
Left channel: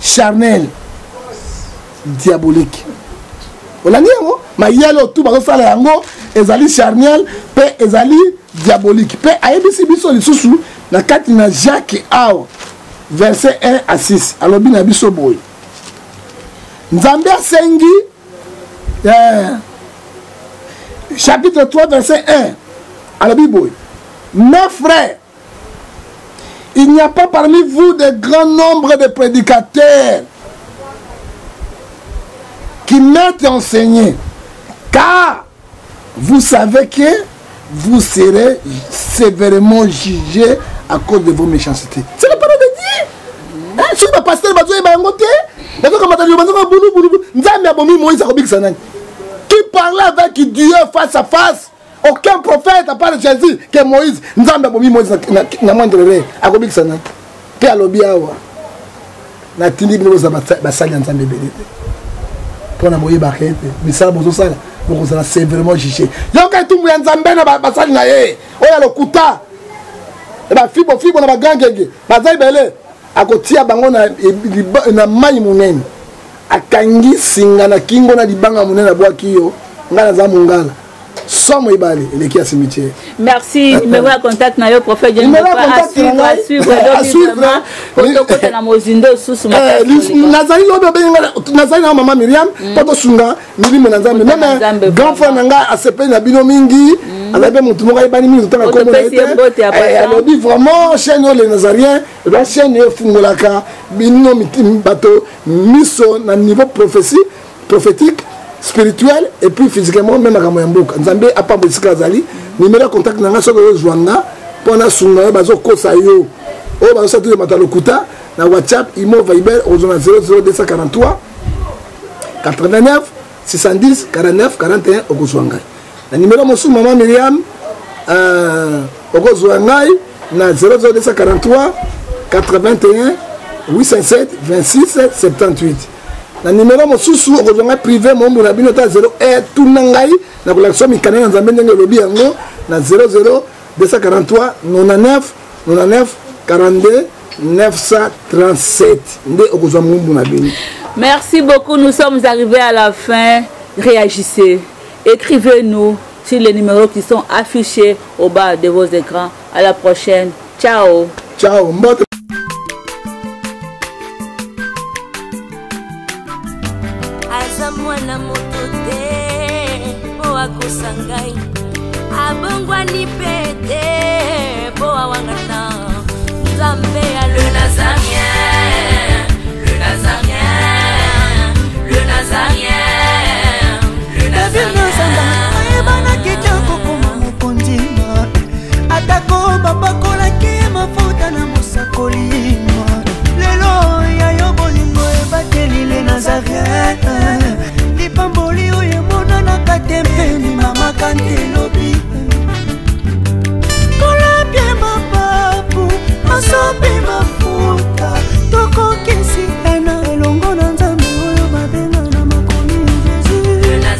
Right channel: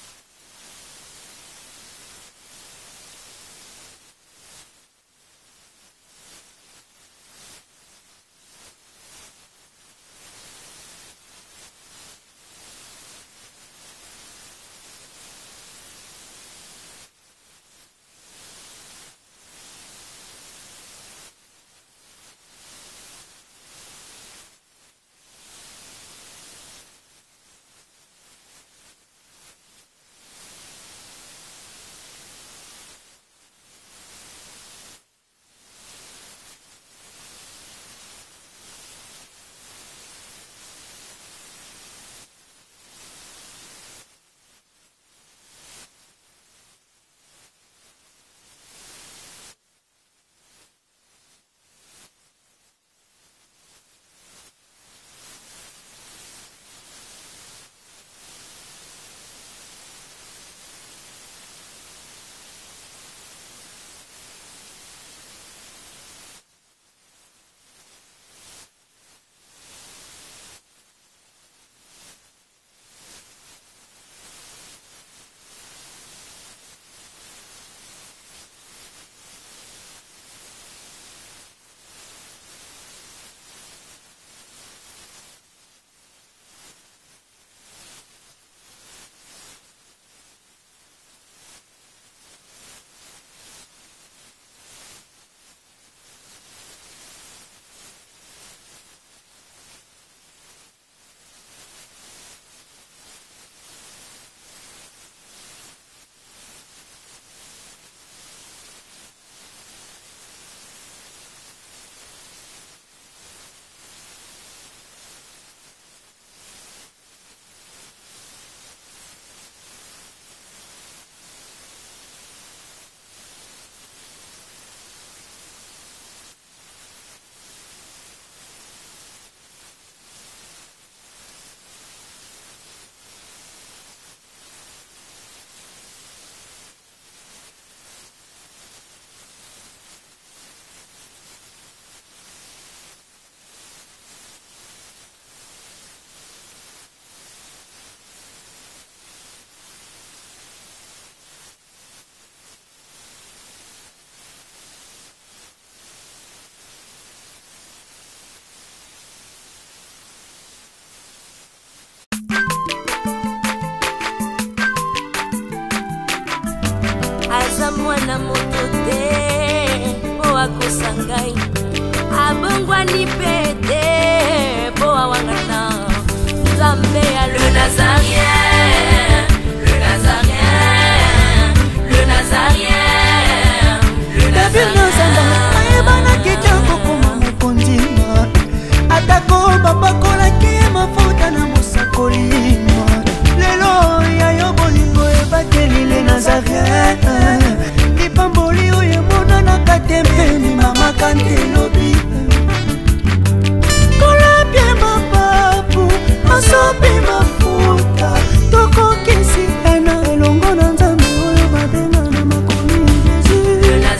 charnelle, diabolique. Vous l'avez dit, mais il y a le tout, elle est charnelle, elle est diabolique. Elle est sous la carte de Jacques Awa, verset 1 à 6. Alors, bien, il y a boy. Nzambe Sengi, chapitre 3, verset 1. Alors, bien, boy. Mes frères, il n'y a pas parmi vous de grand nombre de prédicateurs qui mettent enseigner, car vous savez que vous serez sévèrement jugés à cause de vos méchancetés. C'est la parole de Dieu. Si le pasteur va dire, qui parlait avec Dieu face à face. Aucun prophète à part Jésus que Moïse Nzambe abomi Moïse na mandrere akobi sana pe alobi awa na tindi bino za basali Nzambe belete pona moyi bakete misala bozo sala boko sala sévèrement jugé yoka tumbu ya Nzambe na basali na ye oya lokuta ba fibo na bagangenge bazai bele akotia bango na mai munene akangi singa na kingo na libanga munene bwaki yo ngana za mungala. Somme ibali eleki ya cimetière. Merci, numéro de contact na yo prophète Dieu à suivre donc na mozindo susu nazali lobe benga nazali na mama Miriam poto sunga milimo na Nzambe même grand frère nanga asepe na bino mingi alabe mutu mo ibani mingi tanga ko mo alobi vraiment chaîne les Nazariens la chaîne yo fungolaka bino bato miso na niveau prophétique spirituel et puis physiquement même à Kamboka. Nzambe a pas de Zali. Numéro de contact nanga soko Joanga pona sunga bazo kosa yo. O bazo sa tout matalokuta na WhatsApp imo Viber au 00243 89 610 49 41 au Joanga. Na numéro mosu maman Miriam au Joanga na 00243 81 807 26 78. Na numéro mosusu okozonga privé mombo na bino ta 0 tout nangai na kolakso mikana na Nzambe ndenge lobi yango na 00 243 99 42 937 nde okozonga mombo na bino. Merci beaucoup, nous sommes arrivés à la fin. Réagissez, écrivez-nous sur les numéros qui sont affichés au bas de vos écrans. À la prochaine. Ciao. Ciao. Mwana moto te po akosangai abongwani pete po awangana Nzambe alona